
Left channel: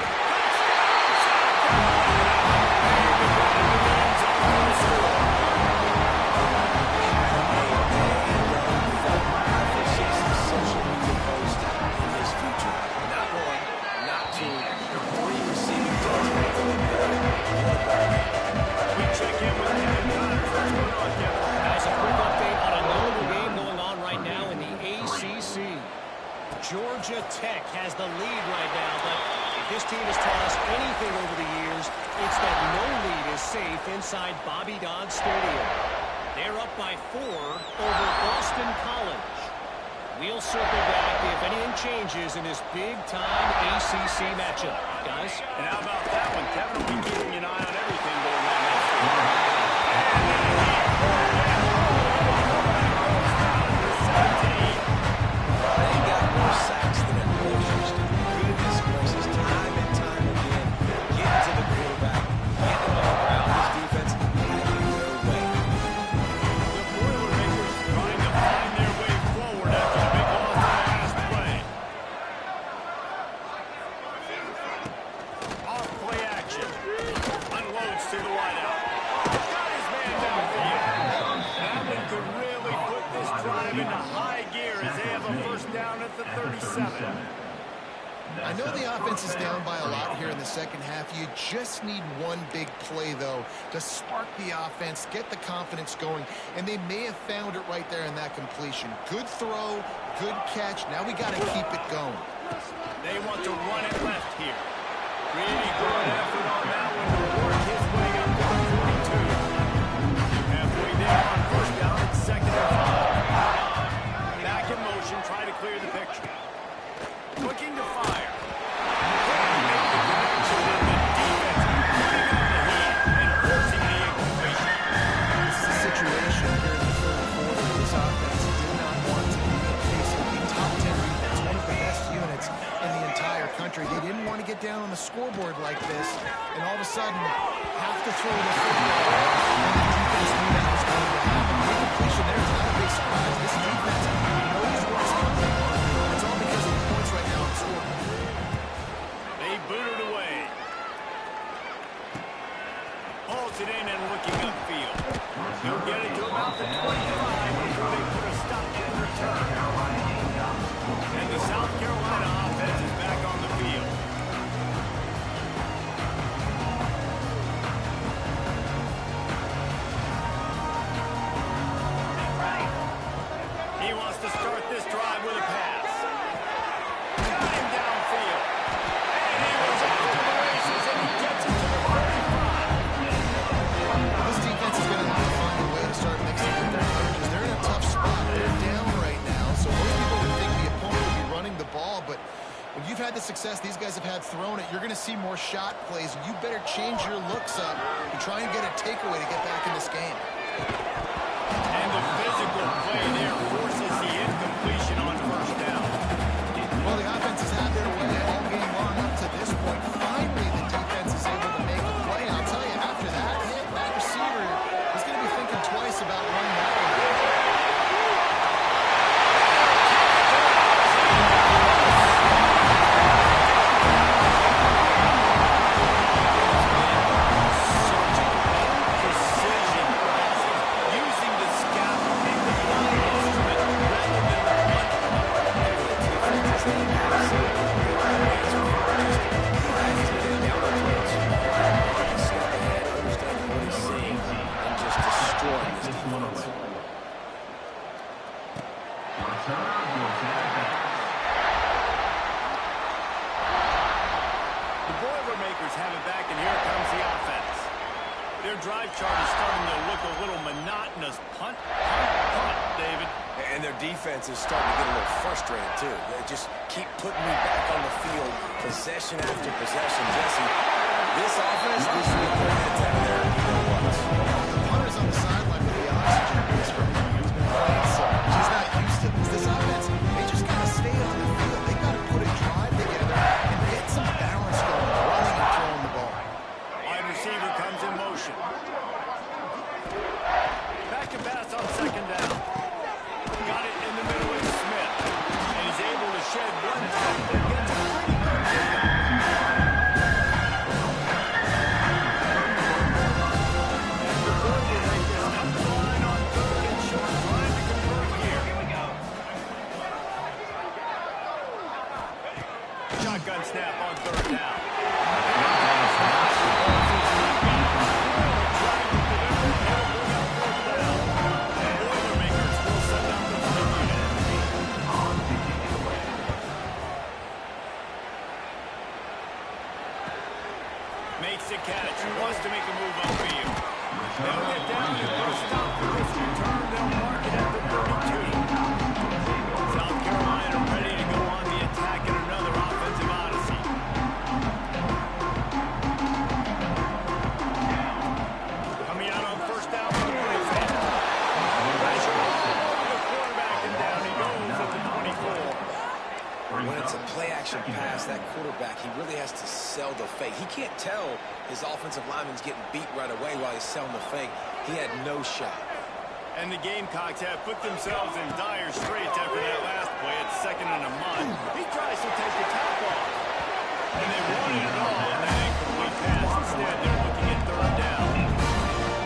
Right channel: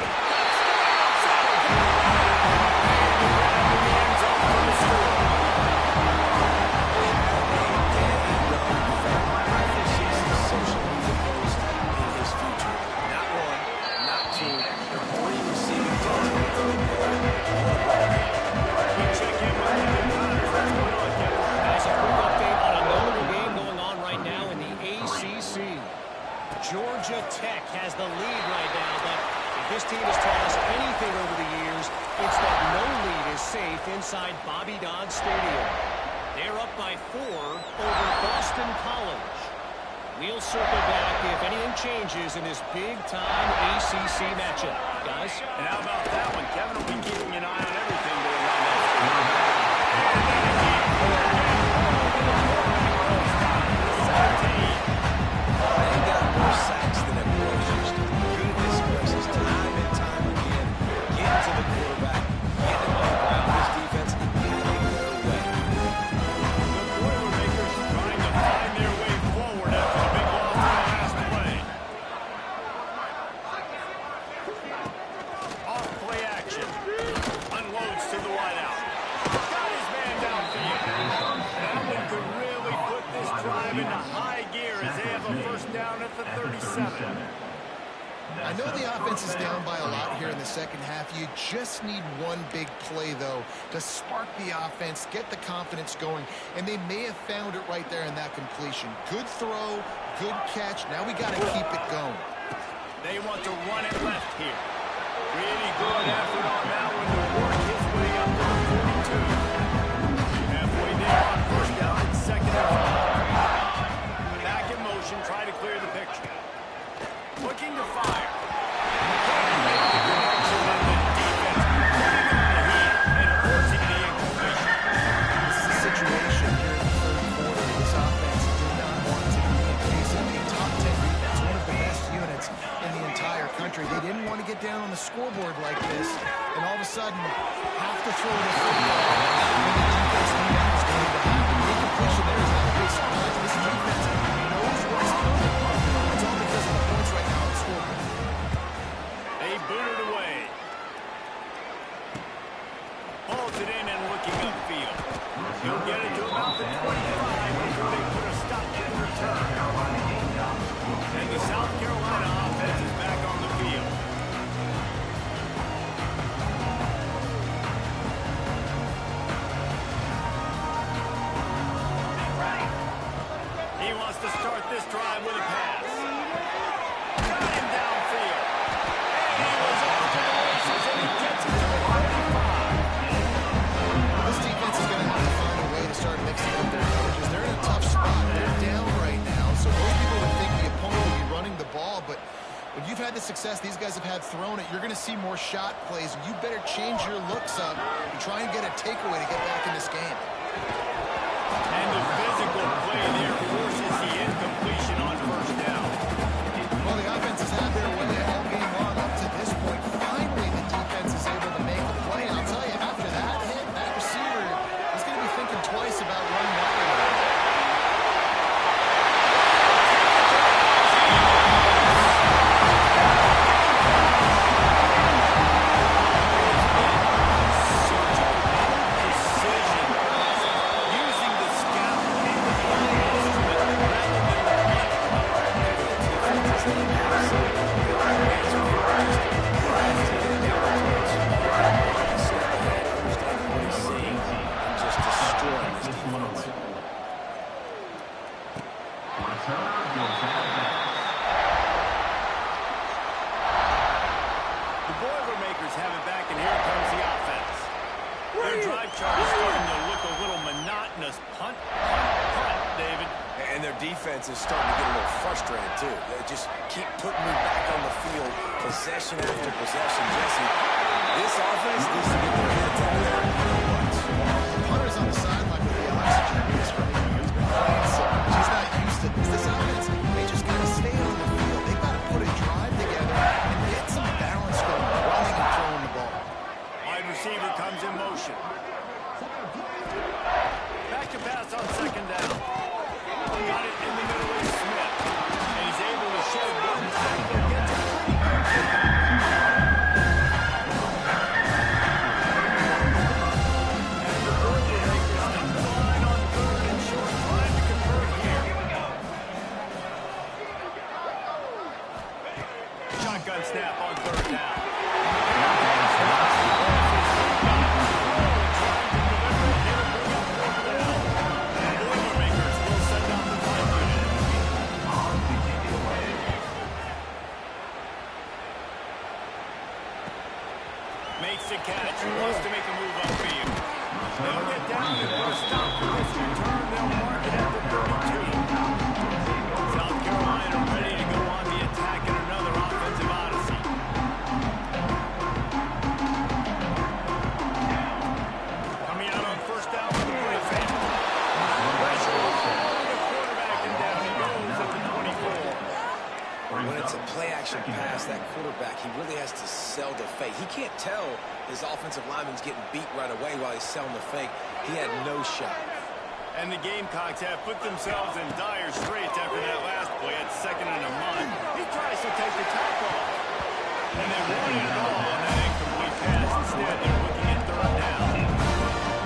Touchdown, South Carolina. And the grab in the end zone for the score. Had a day young fella. I foresee some social media posts in his future. Not 1, not 2, 3 receiving touchdowns. We check in with Kevin Connors. What's going on, Kevin? Guys, a quick update on a notable game going on right now in the ACC. Georgia Tech has the lead right now, but if this team has taught us anything over the years, it's that no lead is safe inside Bobby Dodd Stadium. They're up by 4 over Boston College. We'll circle back if anything changes in this big-time ACC matchup. Guys? And how about that one? Kevin will be keeping an eye on everything going on that field. And then again, the quarterback goes down to the 17. They got more sacks than a grocery store. Goodness gracious, time and time again, getting to the quarterback, getting him on the ground. This defense having their way. The Boilermakers trying to find their way forward after the big loss on the last play. Off play action. 37. I know the offense is down by a lot here in the second half. You just need one big play, though, to spark the offense, get the confidence going, and they may have found it right there in that completion. Good throw, good catch. Now we got to keep it going. They want to run it left here. Really good effort on that one to work his way up to the 42. Halfway there on first down. It's second and 5. Back in motion, try to clear the picture. Looking to fire. Can't make the connection, and the defense putting on the heat and forcing the incompletion. This is a situation here in the third quarter. This offense did not want to be facing a top 10 defense, one of the best units in the entire country. They didn't want to get down on the scoreboard like this, and all of a sudden have to throw the football when the defense knew that was going to happen. The incompletion there is not a big surprise. This defense knows what's coming. It's all because of the points right now on the scoreboard. They boot it away. Holds it in and looking upfield. He'll get it to about the 25 before they put a stop to the return. And the South Carolina offense is back on the field. He wants to start this drive with a pass. Got him downfield. And he was off to the races, and he gets it to the 45. This defense is going to have to find a way to start mixing up their coverages. They're in a tough spot. They're down right now, so most people would think the opponent would be running the ball, but when you've had the success these guys have had throwing it, you're going to see more shot plays. You better change your looks up and try and get a takeaway to get back in this game. And the physical play there forces the incompletion on first down. Well, the offense has had their way all game long up to this point. Finally, the defense is able to make a play. And I'll tell you, after that hit, that receiver is going to be thinking twice about running that way. The Boilermakers have it back, and here comes the offense. Their drive chart is starting to look a little monotonous. Punt, punt, punt, David. And their defense is starting to get a little frustrated, too. They just keep putting me back on the field, possession after possession. Jesse, this offense needs to get their heads out of there, and you know what? The punter's on the sideline with the oxygen mask right now. He's been playing so much. He's not used to this. This offense, they just got to stay on the field. They got to put a drive together and get some balance going, running and throwing the ball. Wide receiver comes in motion. Back to pass on second down. Got it in the middle of Smith. And he's able to shed one tackle. Gets a pretty good pickup. And the Boilermakers come to the line on third and short, trying to convert here. Shotgun snap on third down. And pass not for Moses. He got Roy trying to deliver it. He'll bring up fourth down. The Boilermakers will send out the punt unit. On to kick it away. Makes the catch. Wants to make a move upfield. They'll get down and put a stop for this return. They'll mark it at the 32. South Carolina ready to go on the attack in another offensive odyssey. Coming out on first down for the Blue fan. Pressure all over the quarterback, and down he goes at the 24. When it's a play-action pass, that quarterback, he really has to sell the fake. He can't tell his offensive lineman's getting beat right away while he's selling the fake. He had no shot. And the Gamecocks have put themselves in dire straits after that last play at second and a month. He tries to take the top off. And they wanted it all on that incomplete pass. Instead, they're looking at third down.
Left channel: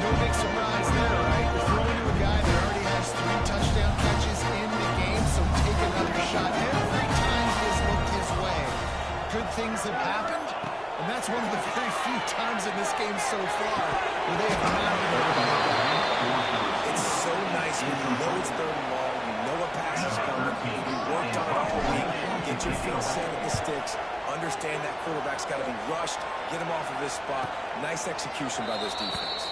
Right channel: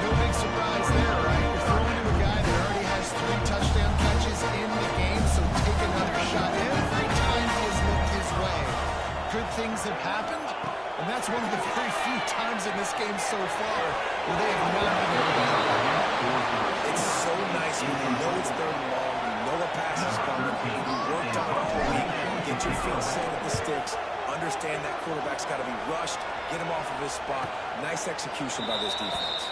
No big surprise there, right? You're throwing to a guy that already has 3 touchdown catches in the game, so take another shot every time. good things have happened, and that's one of the very few times in this game so far where they have not been able to help out. It's so nice when you know it's 3rd and long, you know a pass is coming, you worked on it all week, get your feet set at the sticks, understand that quarterback's got to be rushed, get him off of his spot. Nice execution by this defense.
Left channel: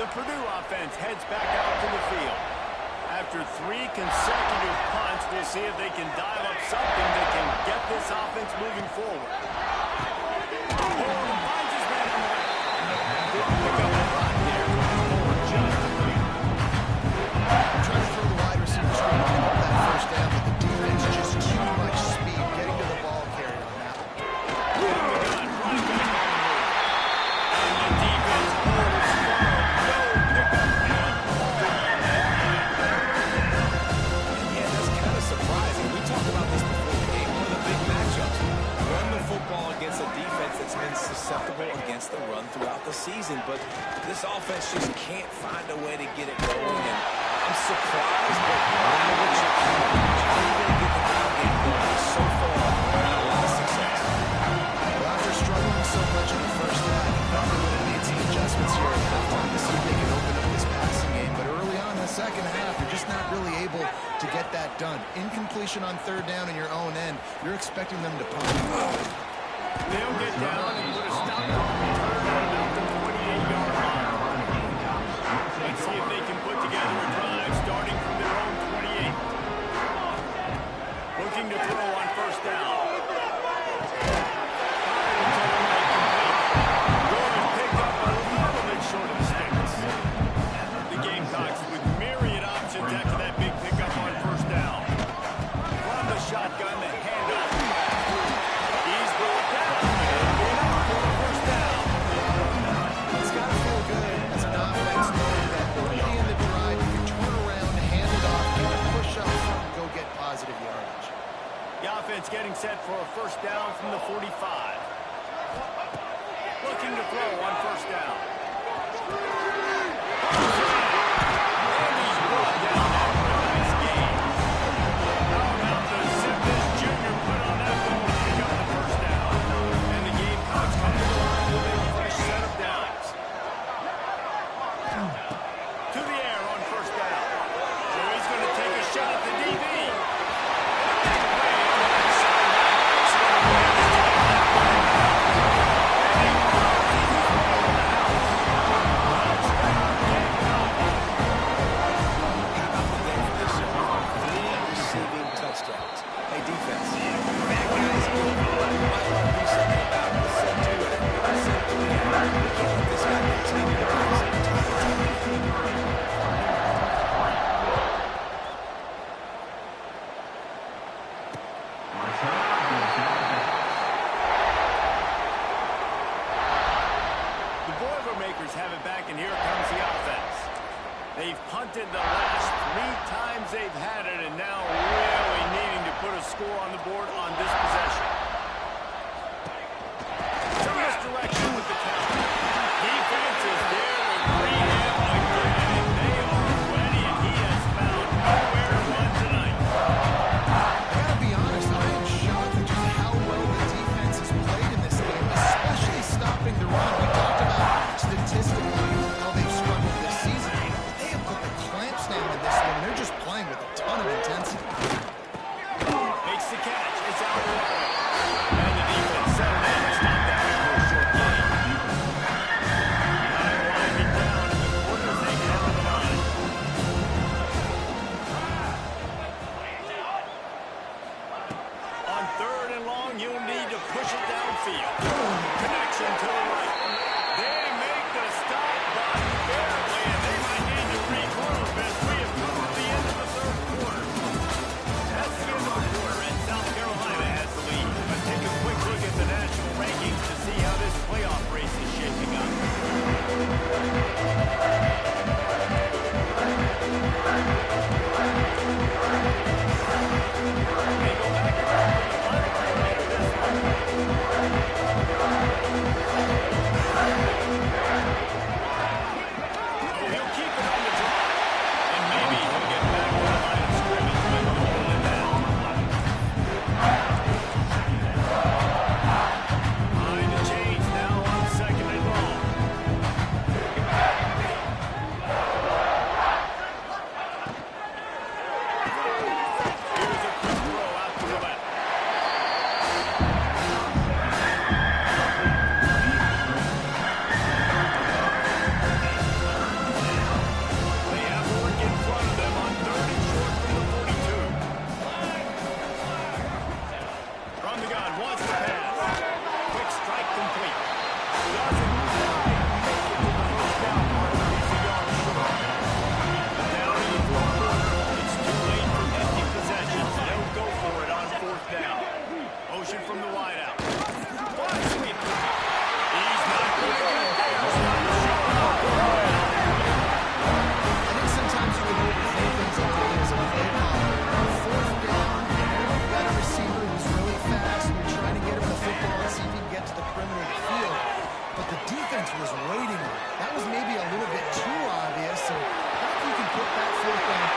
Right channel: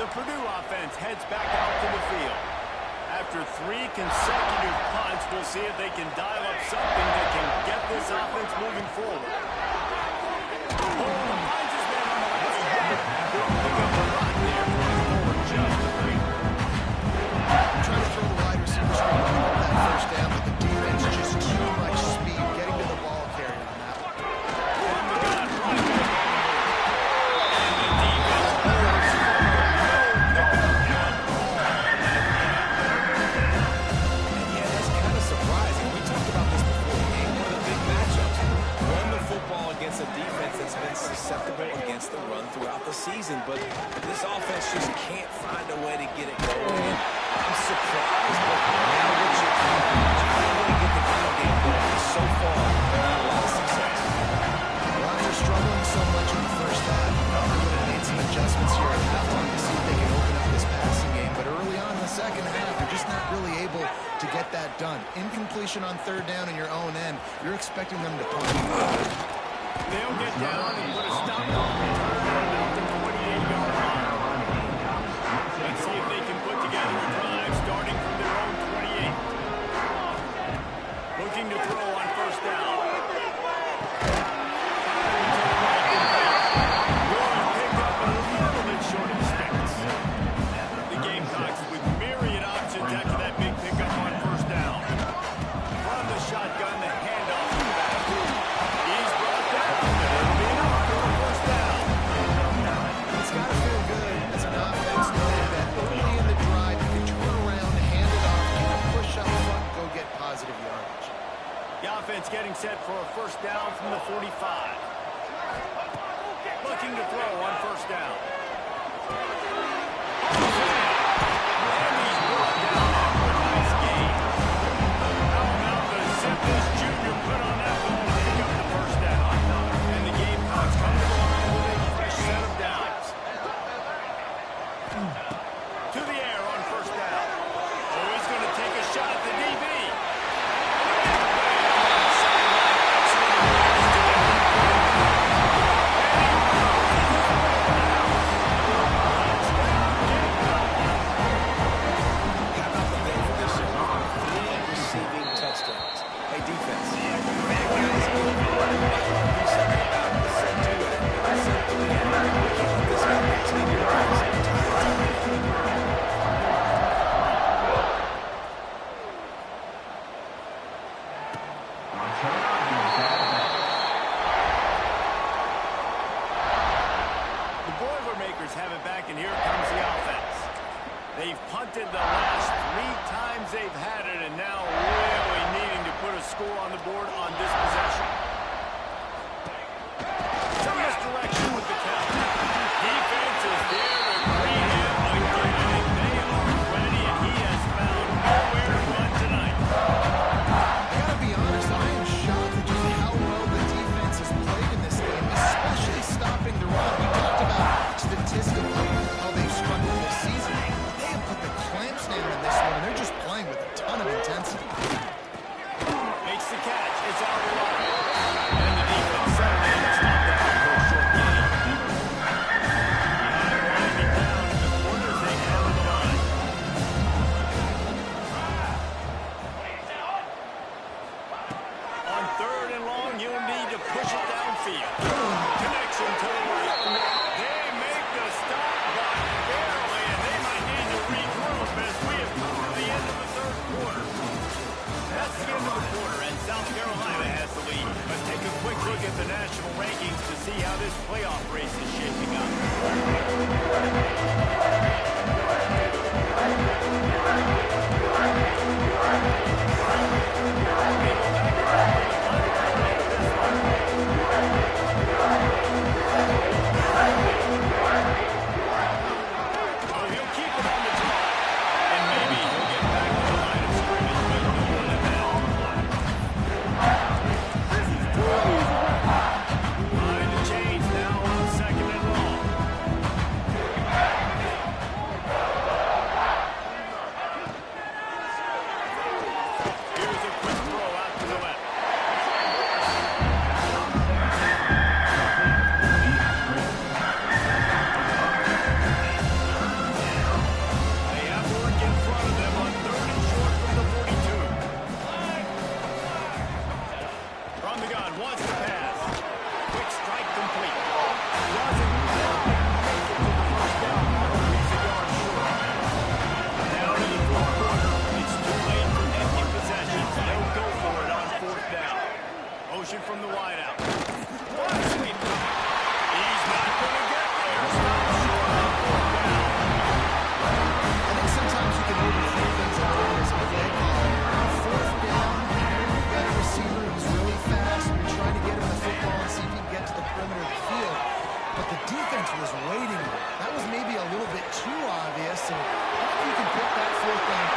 The Purdue offense heads back out to the field. After 3 consecutive punts, we'll see if they can dial up something that can get this offense moving forward. Oh, finds his man on the left. Pick up a run there, going forward just a bit. Trying to throw the wide receiver screen to pick up that first down, but the defense just too much speed getting to the ball carrier on that one. From the gun, running back on the move. And the defense holds firm. No pickup at all on that play. And yeah, that's kind of surprising. We talked about this before the game. One of the big matchups. Run the football against a defense that's been susceptible against the run throughout the season. But this offense just can't find a way to get it going. And I'm surprised, but now what you're doing, how are you going to get the ground game going? So far, not a lot of success. Well, after struggling so much in the first half, you probably would have made some adjustments here at halftime to see if they can open up this passing game. But early on in the second half, they're just not really able to get that done. Incompletion on 3rd down in your own end, you're expecting them to punt. They'll get down and put a stop on about the 28-yard line. Let's see if they can put together a drive starting from their own 28. Looking to throw on 1st down. Firing to the right, complete. Going picked up a little bit short of the sticks. The Gamecocks with myriad options after that big pickup on 1st down. From the shotgun, the handoff to the back. He's brought down, but it'll be enough for a 1st down. It's got to feel good as an offense knowing that early in the drive you can turn around, hand it off, get a push up front, and go get positive yardage. The offense getting set for a 1st down from the 45. Looking to throw on 1st down. And he's brought down after a nice gain. How about the Zippers Jr. put on that ball to pick up the 1st down? And the Gamecocks come to the line with a fresh set of downs. To the air on 1st down. So he's going to take a shot at the DB. And a big play on the left sideline. Excellent awareness to get that ball down. And he throws his way to the house. Touchdown, Gamecocks. How about the day for this year? 3 receiving touchdowns. Hey, defense. Bad guys get it. You might want to do something about it. Set 2 at it. Set 3 at it. We can't let this guy continue to rise every time it's up. The Boilermakers have it back, and here comes the offense. They've punted the last 3 times they've had it, and now really needing to put a score on the board on this possession. Some misdirection with the count. Defense is there to greet him again, and they are ready, and he has found nowhere to run tonight. I gotta be honest, I am shocked at just how well the defense has played in this game, especially stopping the run. We talked about statistically how they've struggled this season, but they have put the clamps down in this one, and they're just playing with a ton of intensity. Makes the catch. It's out wide. And the defense settled in to stop that for a short gain. Time winding down in the quarter as they handle the line. On 3rd and long, you'll need to push it downfield. Connection to the right. They make the stop, but barely, and they might need to regroup as we have come to the end of the 3rd quarter. That's the end of the quarter, and South Carolina has the lead. Let's take a quick look at the national rankings to see how this playoff race is shaping up. They go back around for the final quarter of this one. Oh, he'll keep it on the draw. And maybe he'll get back to the line of scrimmage, but no more than that. defense was waiting on it. That was maybe a little bit too obvious, and I think you can put that fourth down.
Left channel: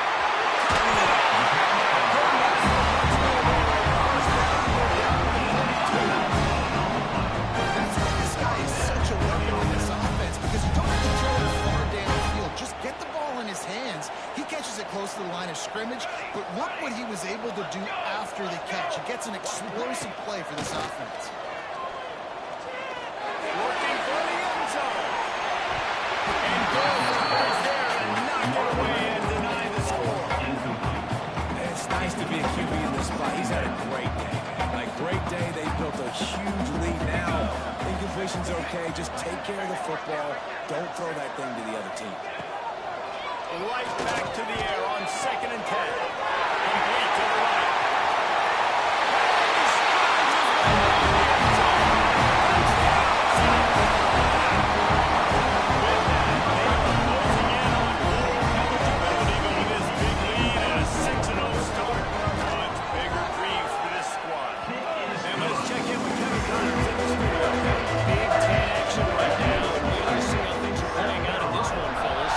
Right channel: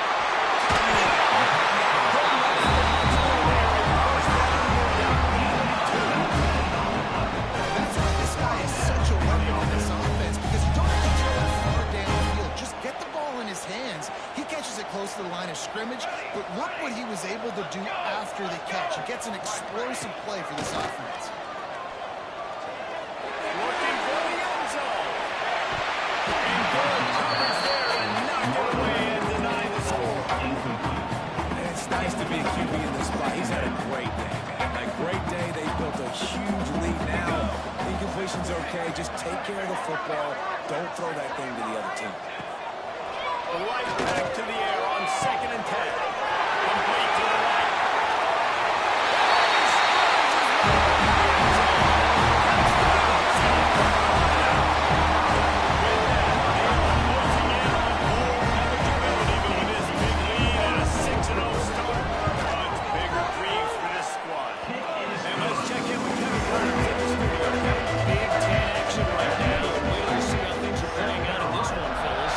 That's why this guy is such a weapon in this offense, because you don't have to throw it far downfield. Just get the ball in his hands. He catches it close to the line of scrimmage, but look what he was able to do after the catch. It gets an explosive play for this offense. Looking for the end zone. And good coverage there to knock it away and deny the score. It's nice to be a QB in this spot. He's had a great day, man. Like, great day. They built a huge lead now. Incompletion's okay. Just take care of the football. Don't throw that thing to the other team. Right back to the air on 2nd and 10. Complete to the right. And he strides his way into the end zone. With that, they are closing in on bowl eligibility, but with this big lead and a 6-0 start, much bigger dreams for this squad. And let's check in with Kevin Connors in the studio. Big 10 action right now. Wait till you see how things are playing out in this one, fellas.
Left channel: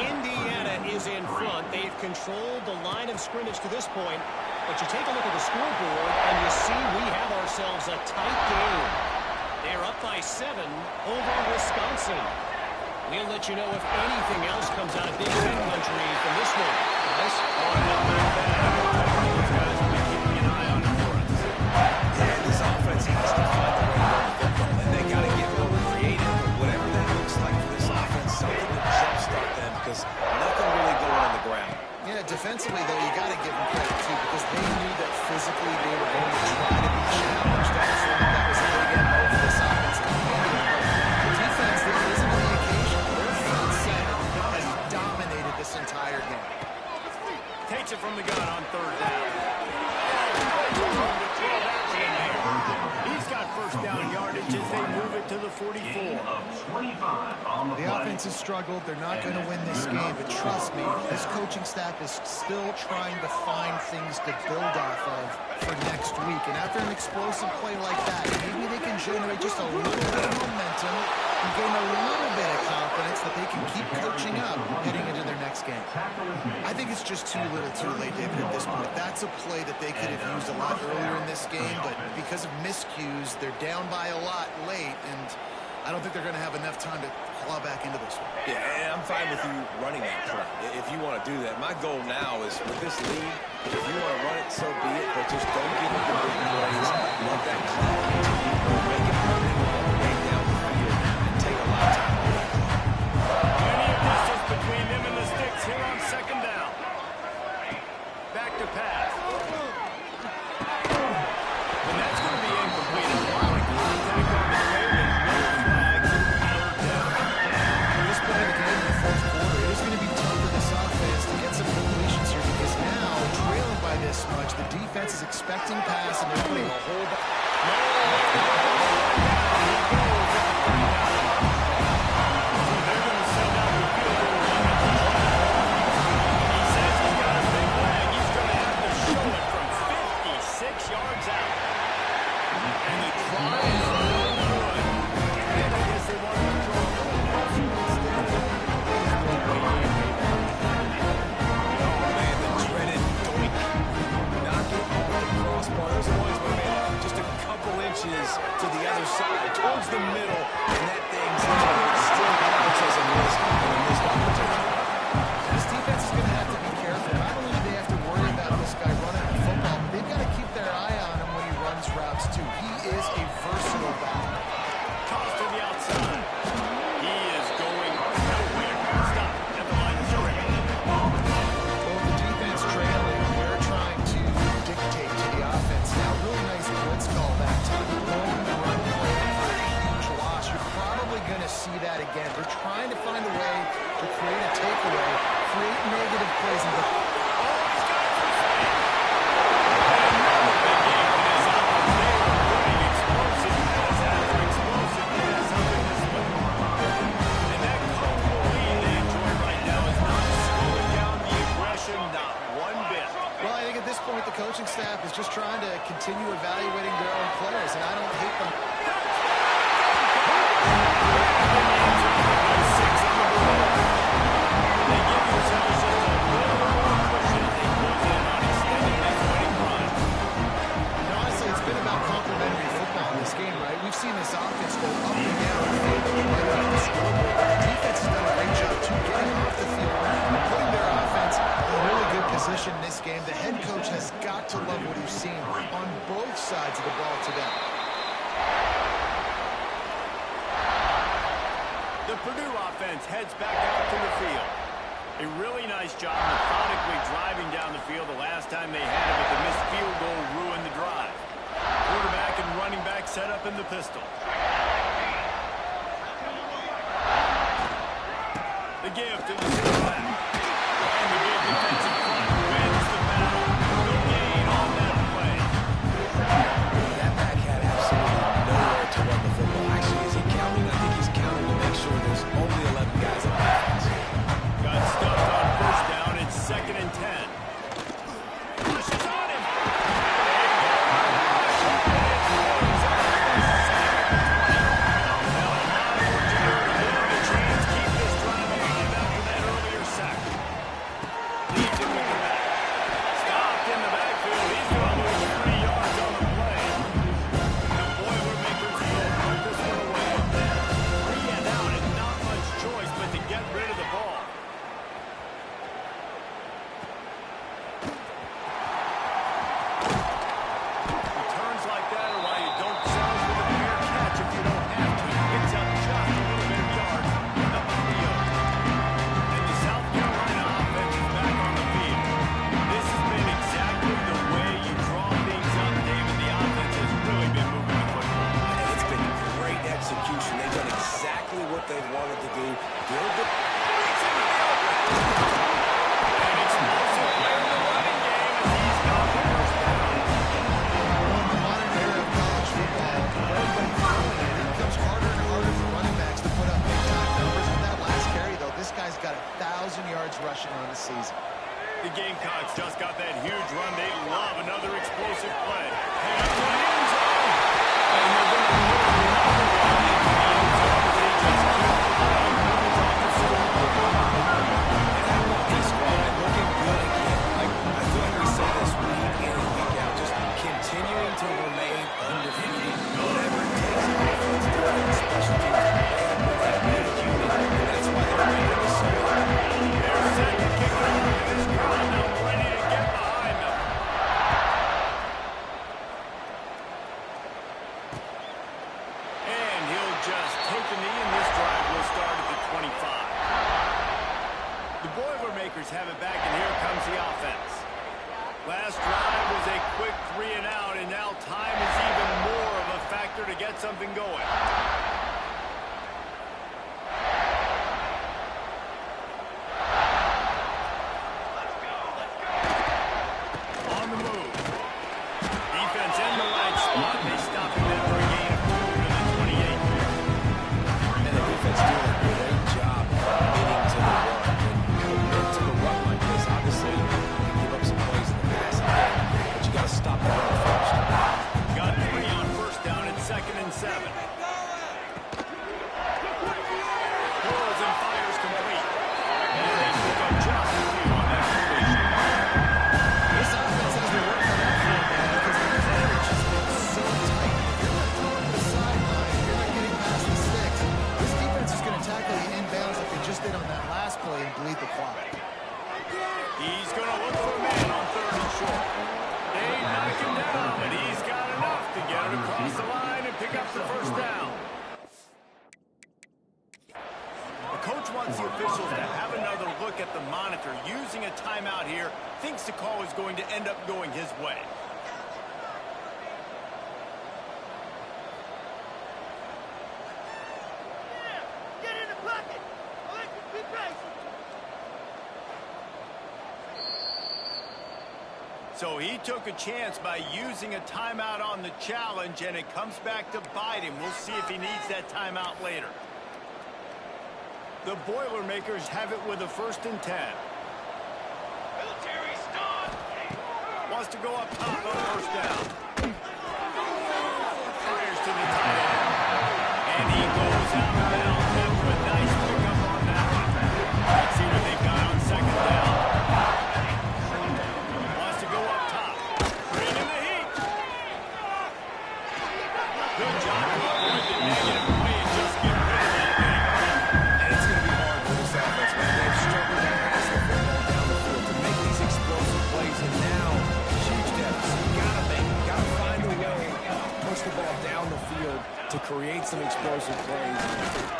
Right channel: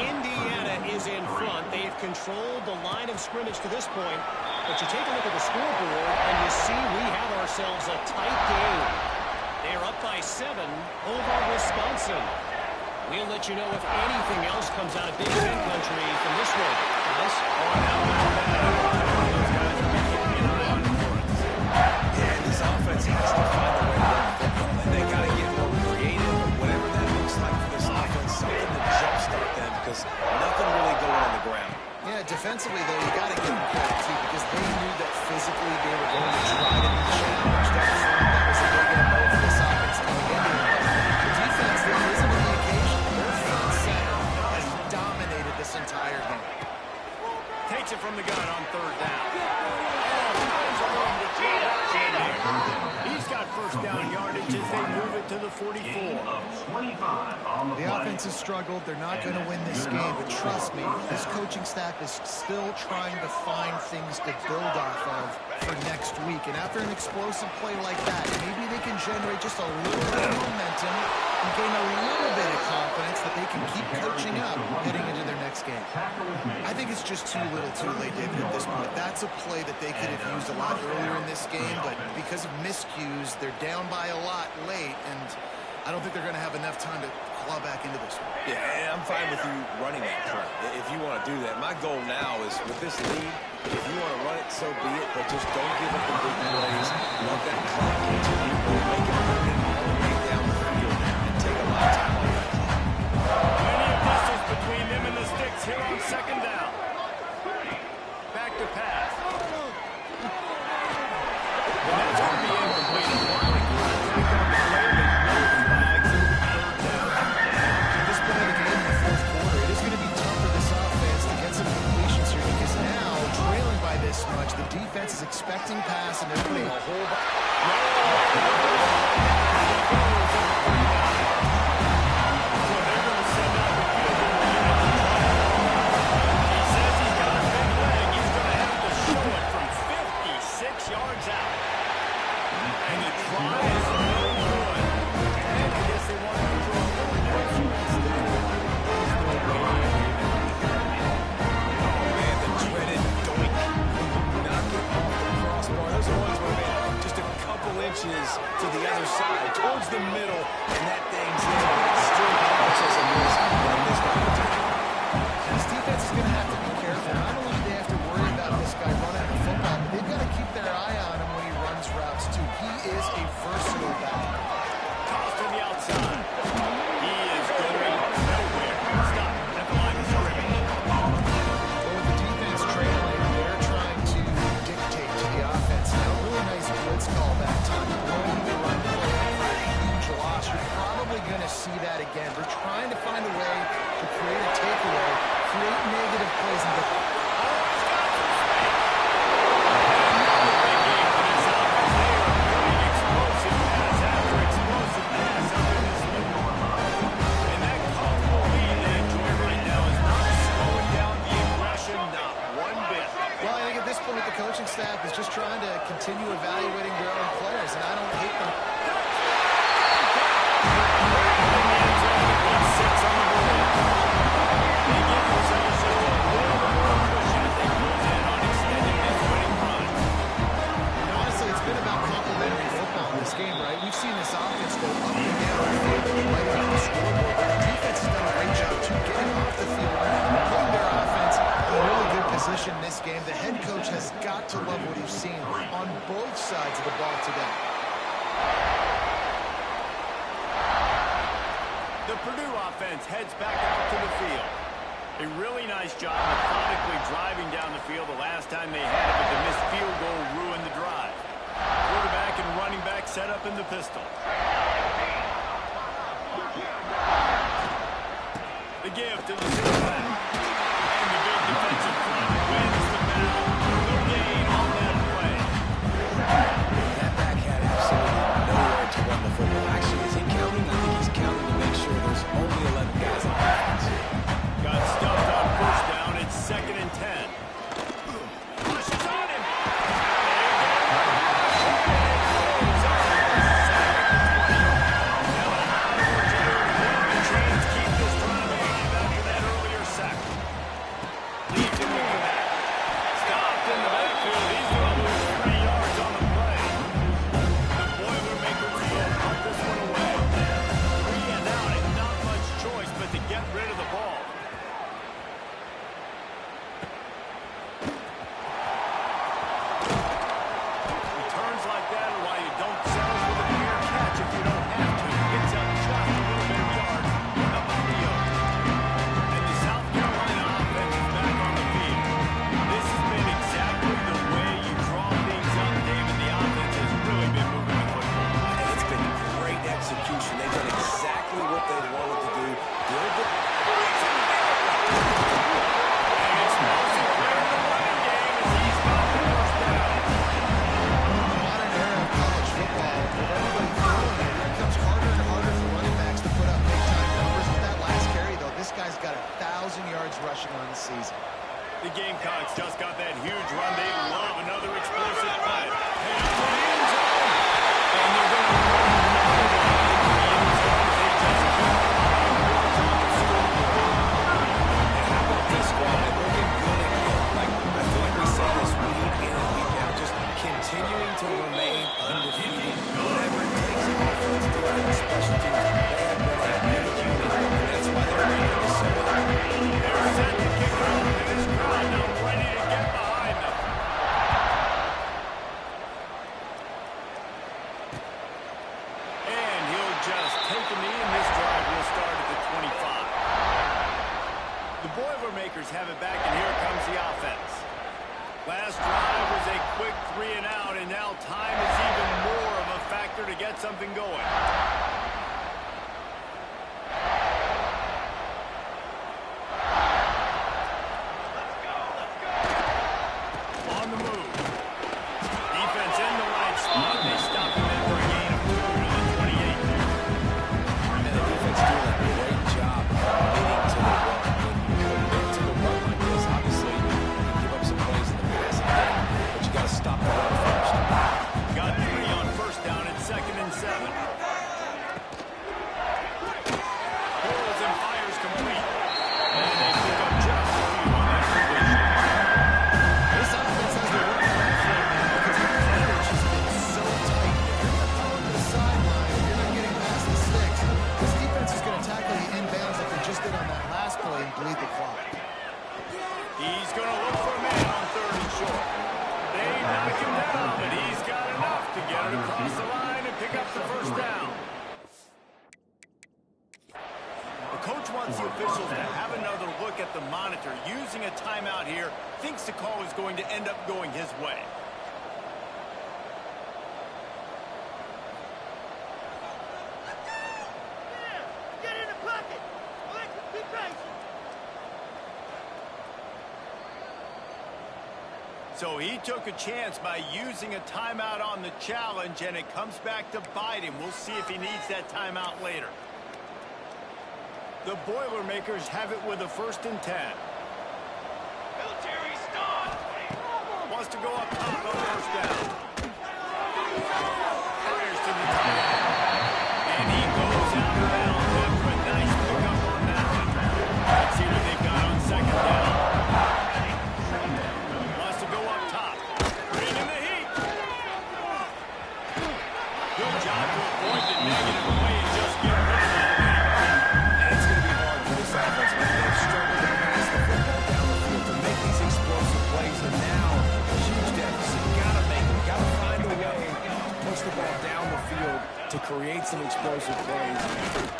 Indiana is in front. They've controlled the line of scrimmage to this point. But you take a look at the scoreboard, and you see we have ourselves a tight game. They're up by 7 over Wisconsin. We'll let you know if anything else comes out of Big Ten country from this one. Guys? On out there, those guys will be keeping an eye on it for us. Yeah, this offense has to find a way to run the football. And they got to get more creative. Whatever that looks like for this offense, something to jumpstart them, because nothing really going on the ground. Yeah, defensively, though, you got to give them credit, too, because they knew that physically they were going to try to be challenged up front. That was a big MO for this offense coming into it. But the defense, they risen to the occasion. Their front seven has dominated this entire game. Takes it from the gun on 3rd down. He's got first down yardage as they move it to the 44. The offense has struggled. They're not going to win this game, but trust me, this coaching staff is still trying to find things to build off of for next week. And after an explosive play like that, maybe they can generate just a little bit of momentum and gain a little bit of confidence that they can keep coaching up heading into their next game. I think it's just too little too late, David, at this point. That's a play that they could have used a lot earlier in this game, but because of miscues, they're down by a lot late, and I don't think they're going to have enough time to claw back into this one. Yeah, and I'm fine with you running that play if you want to do that. My goal now is, with this lead, if you want to run it, so be it, but just don't give up the big plays. Let that clock continue. Make it permanent all the way down the field and take a lot of time off that clock. Plenty of distance between them and the sticks here on 2nd down. Back to pass. And that's going to be incomplete. A lot of contact on the play, but no flags. It'll be 3rd down. At this point of the game in the 4th quarter, it is going to be tough for this offense to get some completions here, because now, trailing by this much, the defense is expecting pass, and they're putting a whole bunch. No, he goes at the 39. So they're going to send out the field goal unit to try it long. He says he's got a big leg. He's going to have to show it from 56 yards out. And the try is no good. And I guess they wanted to throw a little motion instead. Oh, man, the dreaded doink. Knock it off the crossbar. Those are ones where, man, just a couple inches to the other side, towards the middle, and that thing's in, but it still counts as a miss and a missed opportunity. This defense is going to have to be careful. Not only do they have to worry about this guy running the football, but they've got to keep their eye on him when he runs routes, too. He is a versatile back. Toss to the outside. He is going nowhere. Stop at the line of scrimmage. Well, with the defense trailing, they're trying to dictate to the offense now. Really nice blitz call that time. Blowing the run play for a huge loss. You're probably going to see that again. They're trying to find a way to create a takeaway, create negative plays, and He's got some space. And another big game for this offense. They are putting explosive pass after explosive pass up in this one. And that comfortable lead they enjoy right now is not slowing down the aggression, not one bit. well, I think at this point the coaching staff is just trying to continue evaluating their own players, and I don't hate them. Touchdown! we've seen this offense go up and down the field and right off the scoreboard. But the defense has done a great job, too, getting off the field, putting their offense in a really good position in this game. The head coach has got to love what he's seen on both sides of the ball today. The Purdue offense heads back out to the field. A really nice job methodically driving down the field the last time they had it, but the missed field goal ruined the drive. Quarterback and running back set up in the pistol. The give to the quarterback. And the big defensive front wins the battle. No gain on that play. That back had absolutely nowhere to run the football. Actually, is he counting? I think he's counting to make sure there's only 11 guys on defense. Got stuffed on first down. It's 2nd and 10. Rushes on him. They get him. Rush. And it pays off. 2nd and 20. Now a lot of work to do to hold the chains, keep this drive alive after that earlier sack. Leads him with the back. Stopped in the backfield. He's going to lose 3 yards on the play. The Boilermakers will punt this one away. 3 and out and not much choice but to get rid of the ball. Returns like that are why you don't settle for the fair catch if you don't have to. Picks up just a little bit of yard about the yoke. And the South Carolina offense is back on the field. This has been exactly the way you draw things up, David. The offense has really been moving the football. And it's been great execution. They've done exactly what they wanted to do. Build the breaks in the middle. And explosive play in the running game as he's got the first down. In the modern era of college football, with everybody throwing it, it becomes harder and harder for running backs to put up big-time numbers. With that last carry, though, this guy's got 1,000 yards rushing on the season. The Gamecocks just got that huge run. They love another explosive play. And into the end zone. And they're going to put another one into the end zone as they just keep piling points on the scoreboard. And how about this squad? They're looking good again. Like, I feel like we say this week in and week out, just continuing to remain undefeated. Whatever it takes, offense, defense, special teams, they have been a big unit, and that's why they're ranked so high. They're set to kick it off in this crowd now, ready to get behind them. And he'll just take a knee, and this drive will start at the 25. The Boilermakers have it back, and here comes the offense. Last drive was a quick 3 and out, and now time is even more of a factor to get something going. On the move. Defense in the right spot. They stop him in for a gain of 2 to the 28. And the defense doing a great job committing to the run. When you commit to the run like this, obviously you can give up some plays in the passing game, but you got to stop the run first. Got 3 on first down at 2nd and 7. Pulls and fires complete. And they pick up just a few on that completion. This offense has to work on that front, man, because the coverage has been so tight. If you're not throwing to the sideline, if you're not getting past the sticks, this defense is going to tackle you inbounds like they just did on that last play and bleed the clock. He's going to look for a man on 3rd and short. They knock him down, but he's got enough to get it across the line and pick up the first down. The coach wants the officials to have another look at the monitor. Using a timeout here, thinks the call is going to end up going his way. Get in the pocket. Alexis, be patient. So he took a chance by using a timeout on the challenge, and it comes back to bite him. We'll see if he needs that timeout later. The Boilermakers have it with a 1st and 10. Military start. Wants to go up top on first down. Fires to the tight end. And he goes out of bounds after a nice pickup on that one. Let's see what they've got on 2nd down. Wants to go up top. Bring in the heat. Good job to avoid the negative play and just get rid of that. And it's going to be hard for this offense, man. They've struggled to pass the football down the field to make these explosive plays, and now huge deficit. Got to make it. Got to find a way to push the ball down the field to create some explosive plays.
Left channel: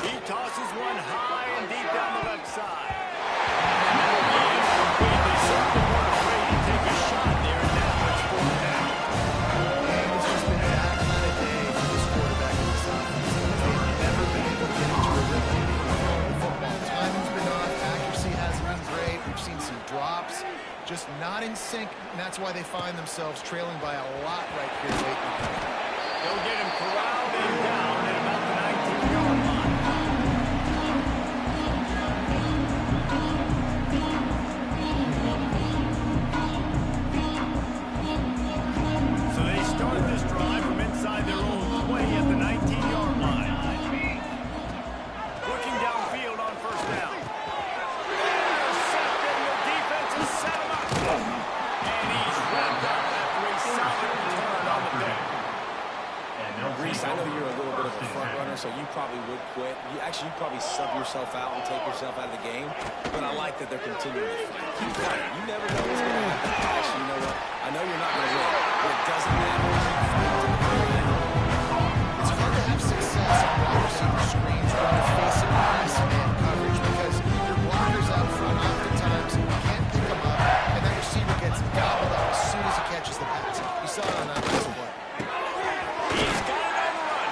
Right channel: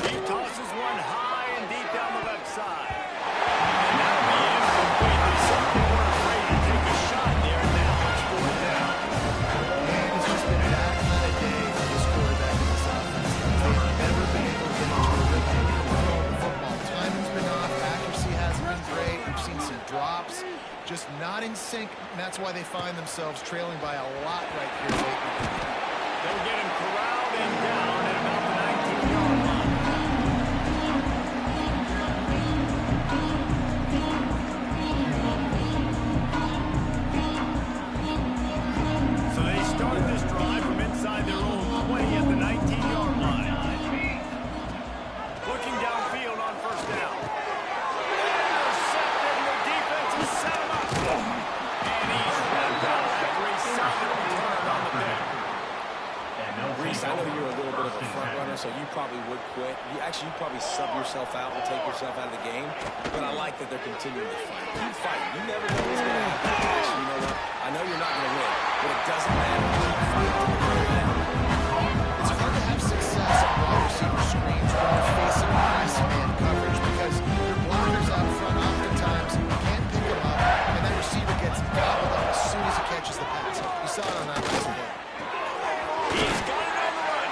He tosses one high and deep down the left side. And that'll be incomplete. They certainly weren't afraid to take a shot there, and now it's 4th down. And it's just been that kind of day for this quarterback in this offense. They've never been able to get into a rhythm throwing the football. Timing's been off. Accuracy hasn't been great. We've seen some drops. Just not in sync, and that's why they find themselves trailing by a lot right here late in the game. They'll get him corralled and down at about the 19-yard line. So they start this drive from inside their own 20 at the 19-yard line. Looking downfield on 1st down. Intercepted, and the defense has set him up. And he's wrapped up after a solid return on the pick. Reese, I know you're a little bit of a front runner, so you probably would quit. You'd probably sub yourself out and take yourself out of the game. But I like that they're continuing to fight. Keep fighting. You never know what's going to happen. Actually, you know what? I know you're not going to win, but it doesn't matter. Keep fighting to the very end. It's hard to have success on wide receiver screens when you're facing press man coverage because your blockers out front oftentimes can't pick them up, and that receiver gets gobbled up as soon as he catches the pass. You saw it on that last play. He's got it on the run.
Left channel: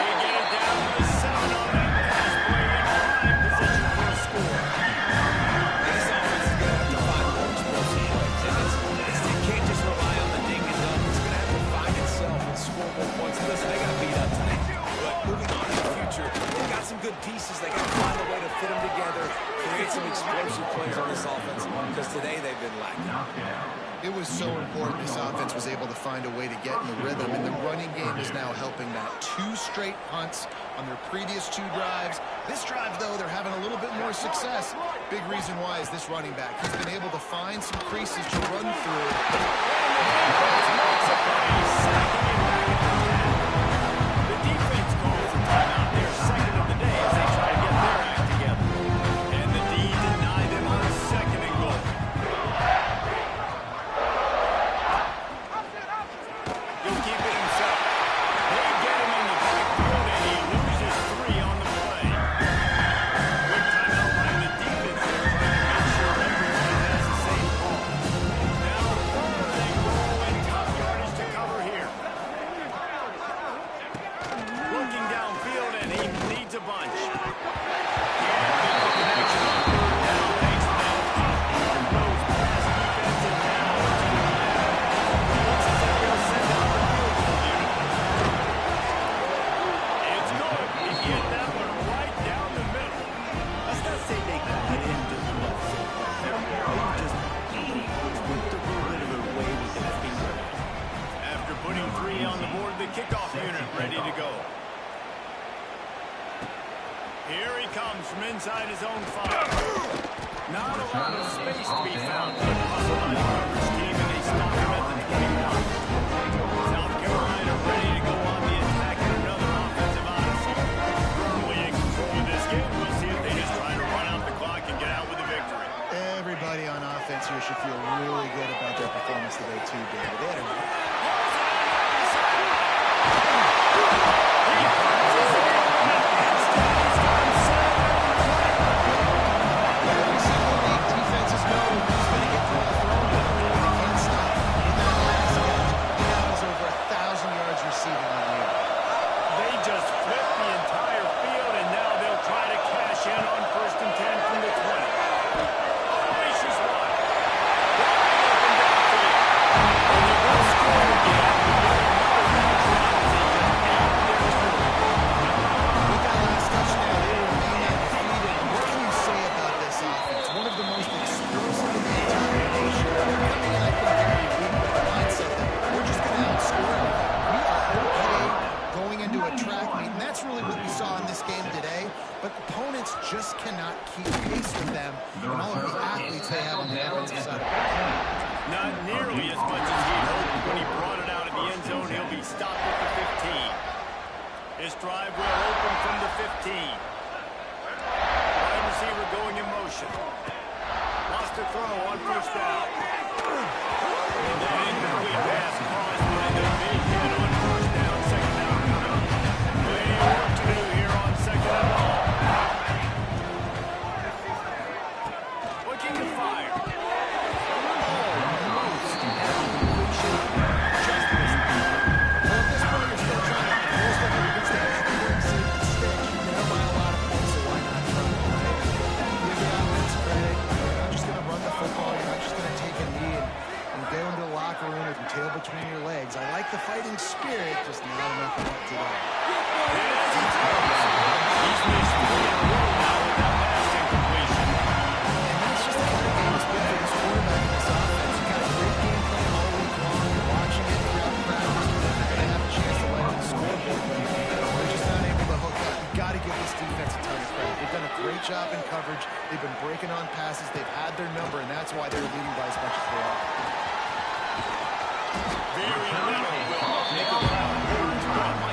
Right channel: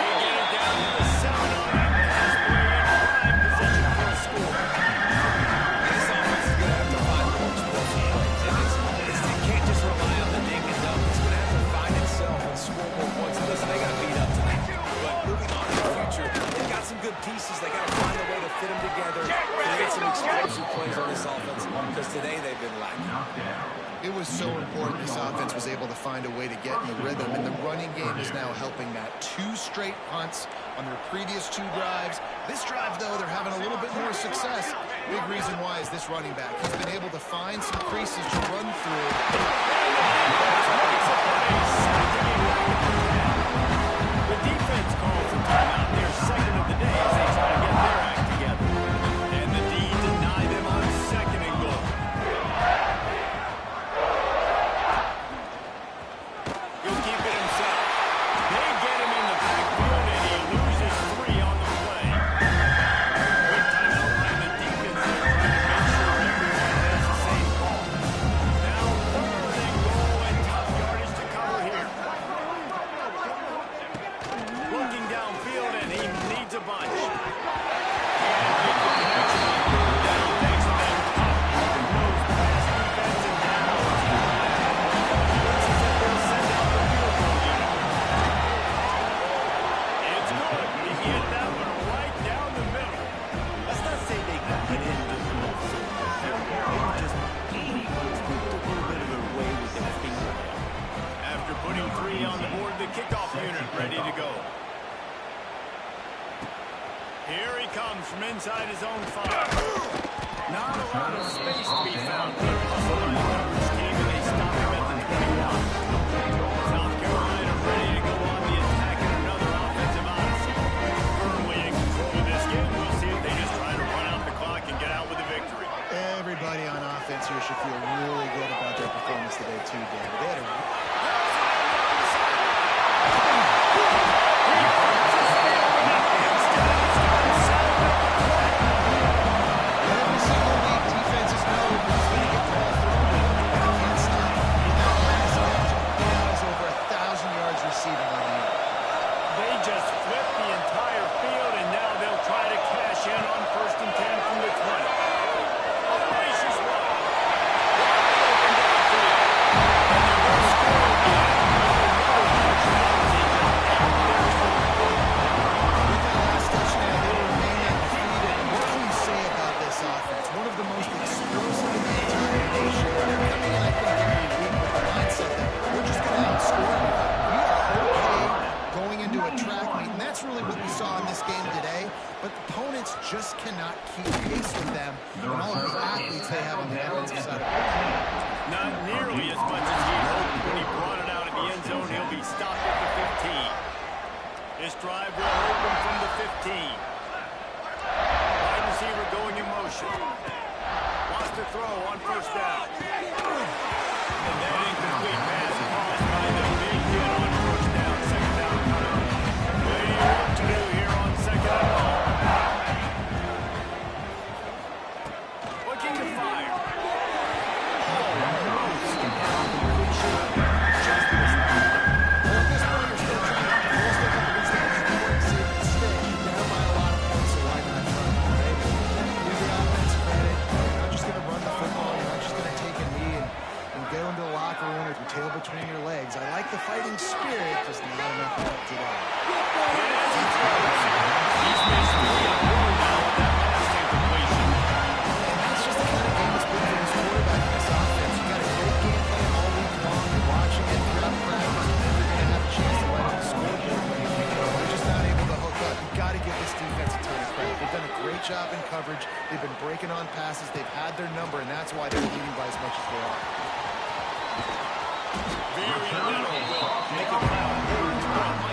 They get it down to the 7 on that pass play in prime position for a score. This offense is going to have to find more explosive plays. It can't just rely on the ding and dunk. It's going to have to find itself and score more points. Listen, they got beat up tonight. But moving on in the future, they've got some good pieces. They got to find a way to fit them together, create some explosive plays on this offense, because today they've been lacking. It was so important this offense was able to find a way to get in the rhythm, and the running game is now helping that. 2 straight punts on their previous 2 drives. This drive, though, they're having a little bit more success. Big reason why is this running back. He's been able to find some creases to run through. The defense calls a timeout. They're second of the day as they try to get their act together. And the D deny them on 2nd and goal. He'll keep it himself. They get him in the backfield, and he loses 3 on the play. Quick timeout by the defense there, trying to make sure everyone has the same call. Now 3rd and goal, and tough yardage to cover here. Looking downfield, and he needs a bunch. Can't make the connection on 3rd down. Thanks to that tough, hard-nosed pass defense, and now a team down. Looks as if they'll send out the field goal unit. It's good. He hit that one right down the middle. Let's not say they got it in just muscle. Maybe just took a little bit of it away with their fingernail. After putting 3 on the board, the kickoff unit ready to go. Here he comes from inside his own 5. Not a lot of space to be found. Good hustle by the coverage team, and they stop him at the 21. South Carolina ready to go on the attack in another offensive odyssey. Firmly in control of this game. We'll see if they just try to run out the clock and get out with a victory. Everybody on offense here should feel really good about their performance today, too, David. They had a... He punches it open up. Instead, he's got him set up at the 20. Every single week, defenses know who's going to get the ball thrown to them. They can't stop him. In that last catch, he now has over 1,000 yards receiving on the year. They just flipped the entire field, and now they'll try to cash in on 1st and 10 from the 20. Audacious one. Wide open downfield. And they're going to score again. Another touchdown as they just add their total. With that last touchdown, they remain undefeated. And what can you say about this offense? One of the most explosive in the entire nation. They're coming in, I think, every week with the mindset that we're just going to outscore everybody. We are okay going into a track meet, and that's really what we saw in this game today. But opponents just cannot keep pace with them and all of the athletes they have on the offensive side of the ball. Not nearly as much as he'd hoped. When he brought it out of the end zone, he'll be stopped at the 15. This drive will open from the 15. Wide receiver going in motion. Wants to throw on first down. And that incomplete pass caused by the big hit on first down, second down coming. Plenty of work to do here on second and long. Looking to fire. Almost had completion. Just missed. Well, at this point, you're still trying to roll stuff up against the important sticks. You're down by a lot of points, so why not try, right? Give the offense credit. You're not just going to run the football. You're not just going to take a knee and go into the locker room with your tail between your legs. I like the fighting spirit, just not enough of that today. And as he throws, he's missed 3 in a row now with that last incompletion. And that's just the kind of game it's been for this quarterback in this offense. You got a great game plan all week long. You're watching it throughout practice. You think they're going to have a chance to light up the scoreboard, but they're just not able to hook up. You got to give this defense a ton of credit. They've done a great job in coverage. They've been breaking on passes. They've had their number, and that's why they're leading by as much as they are. Very little will make a foul.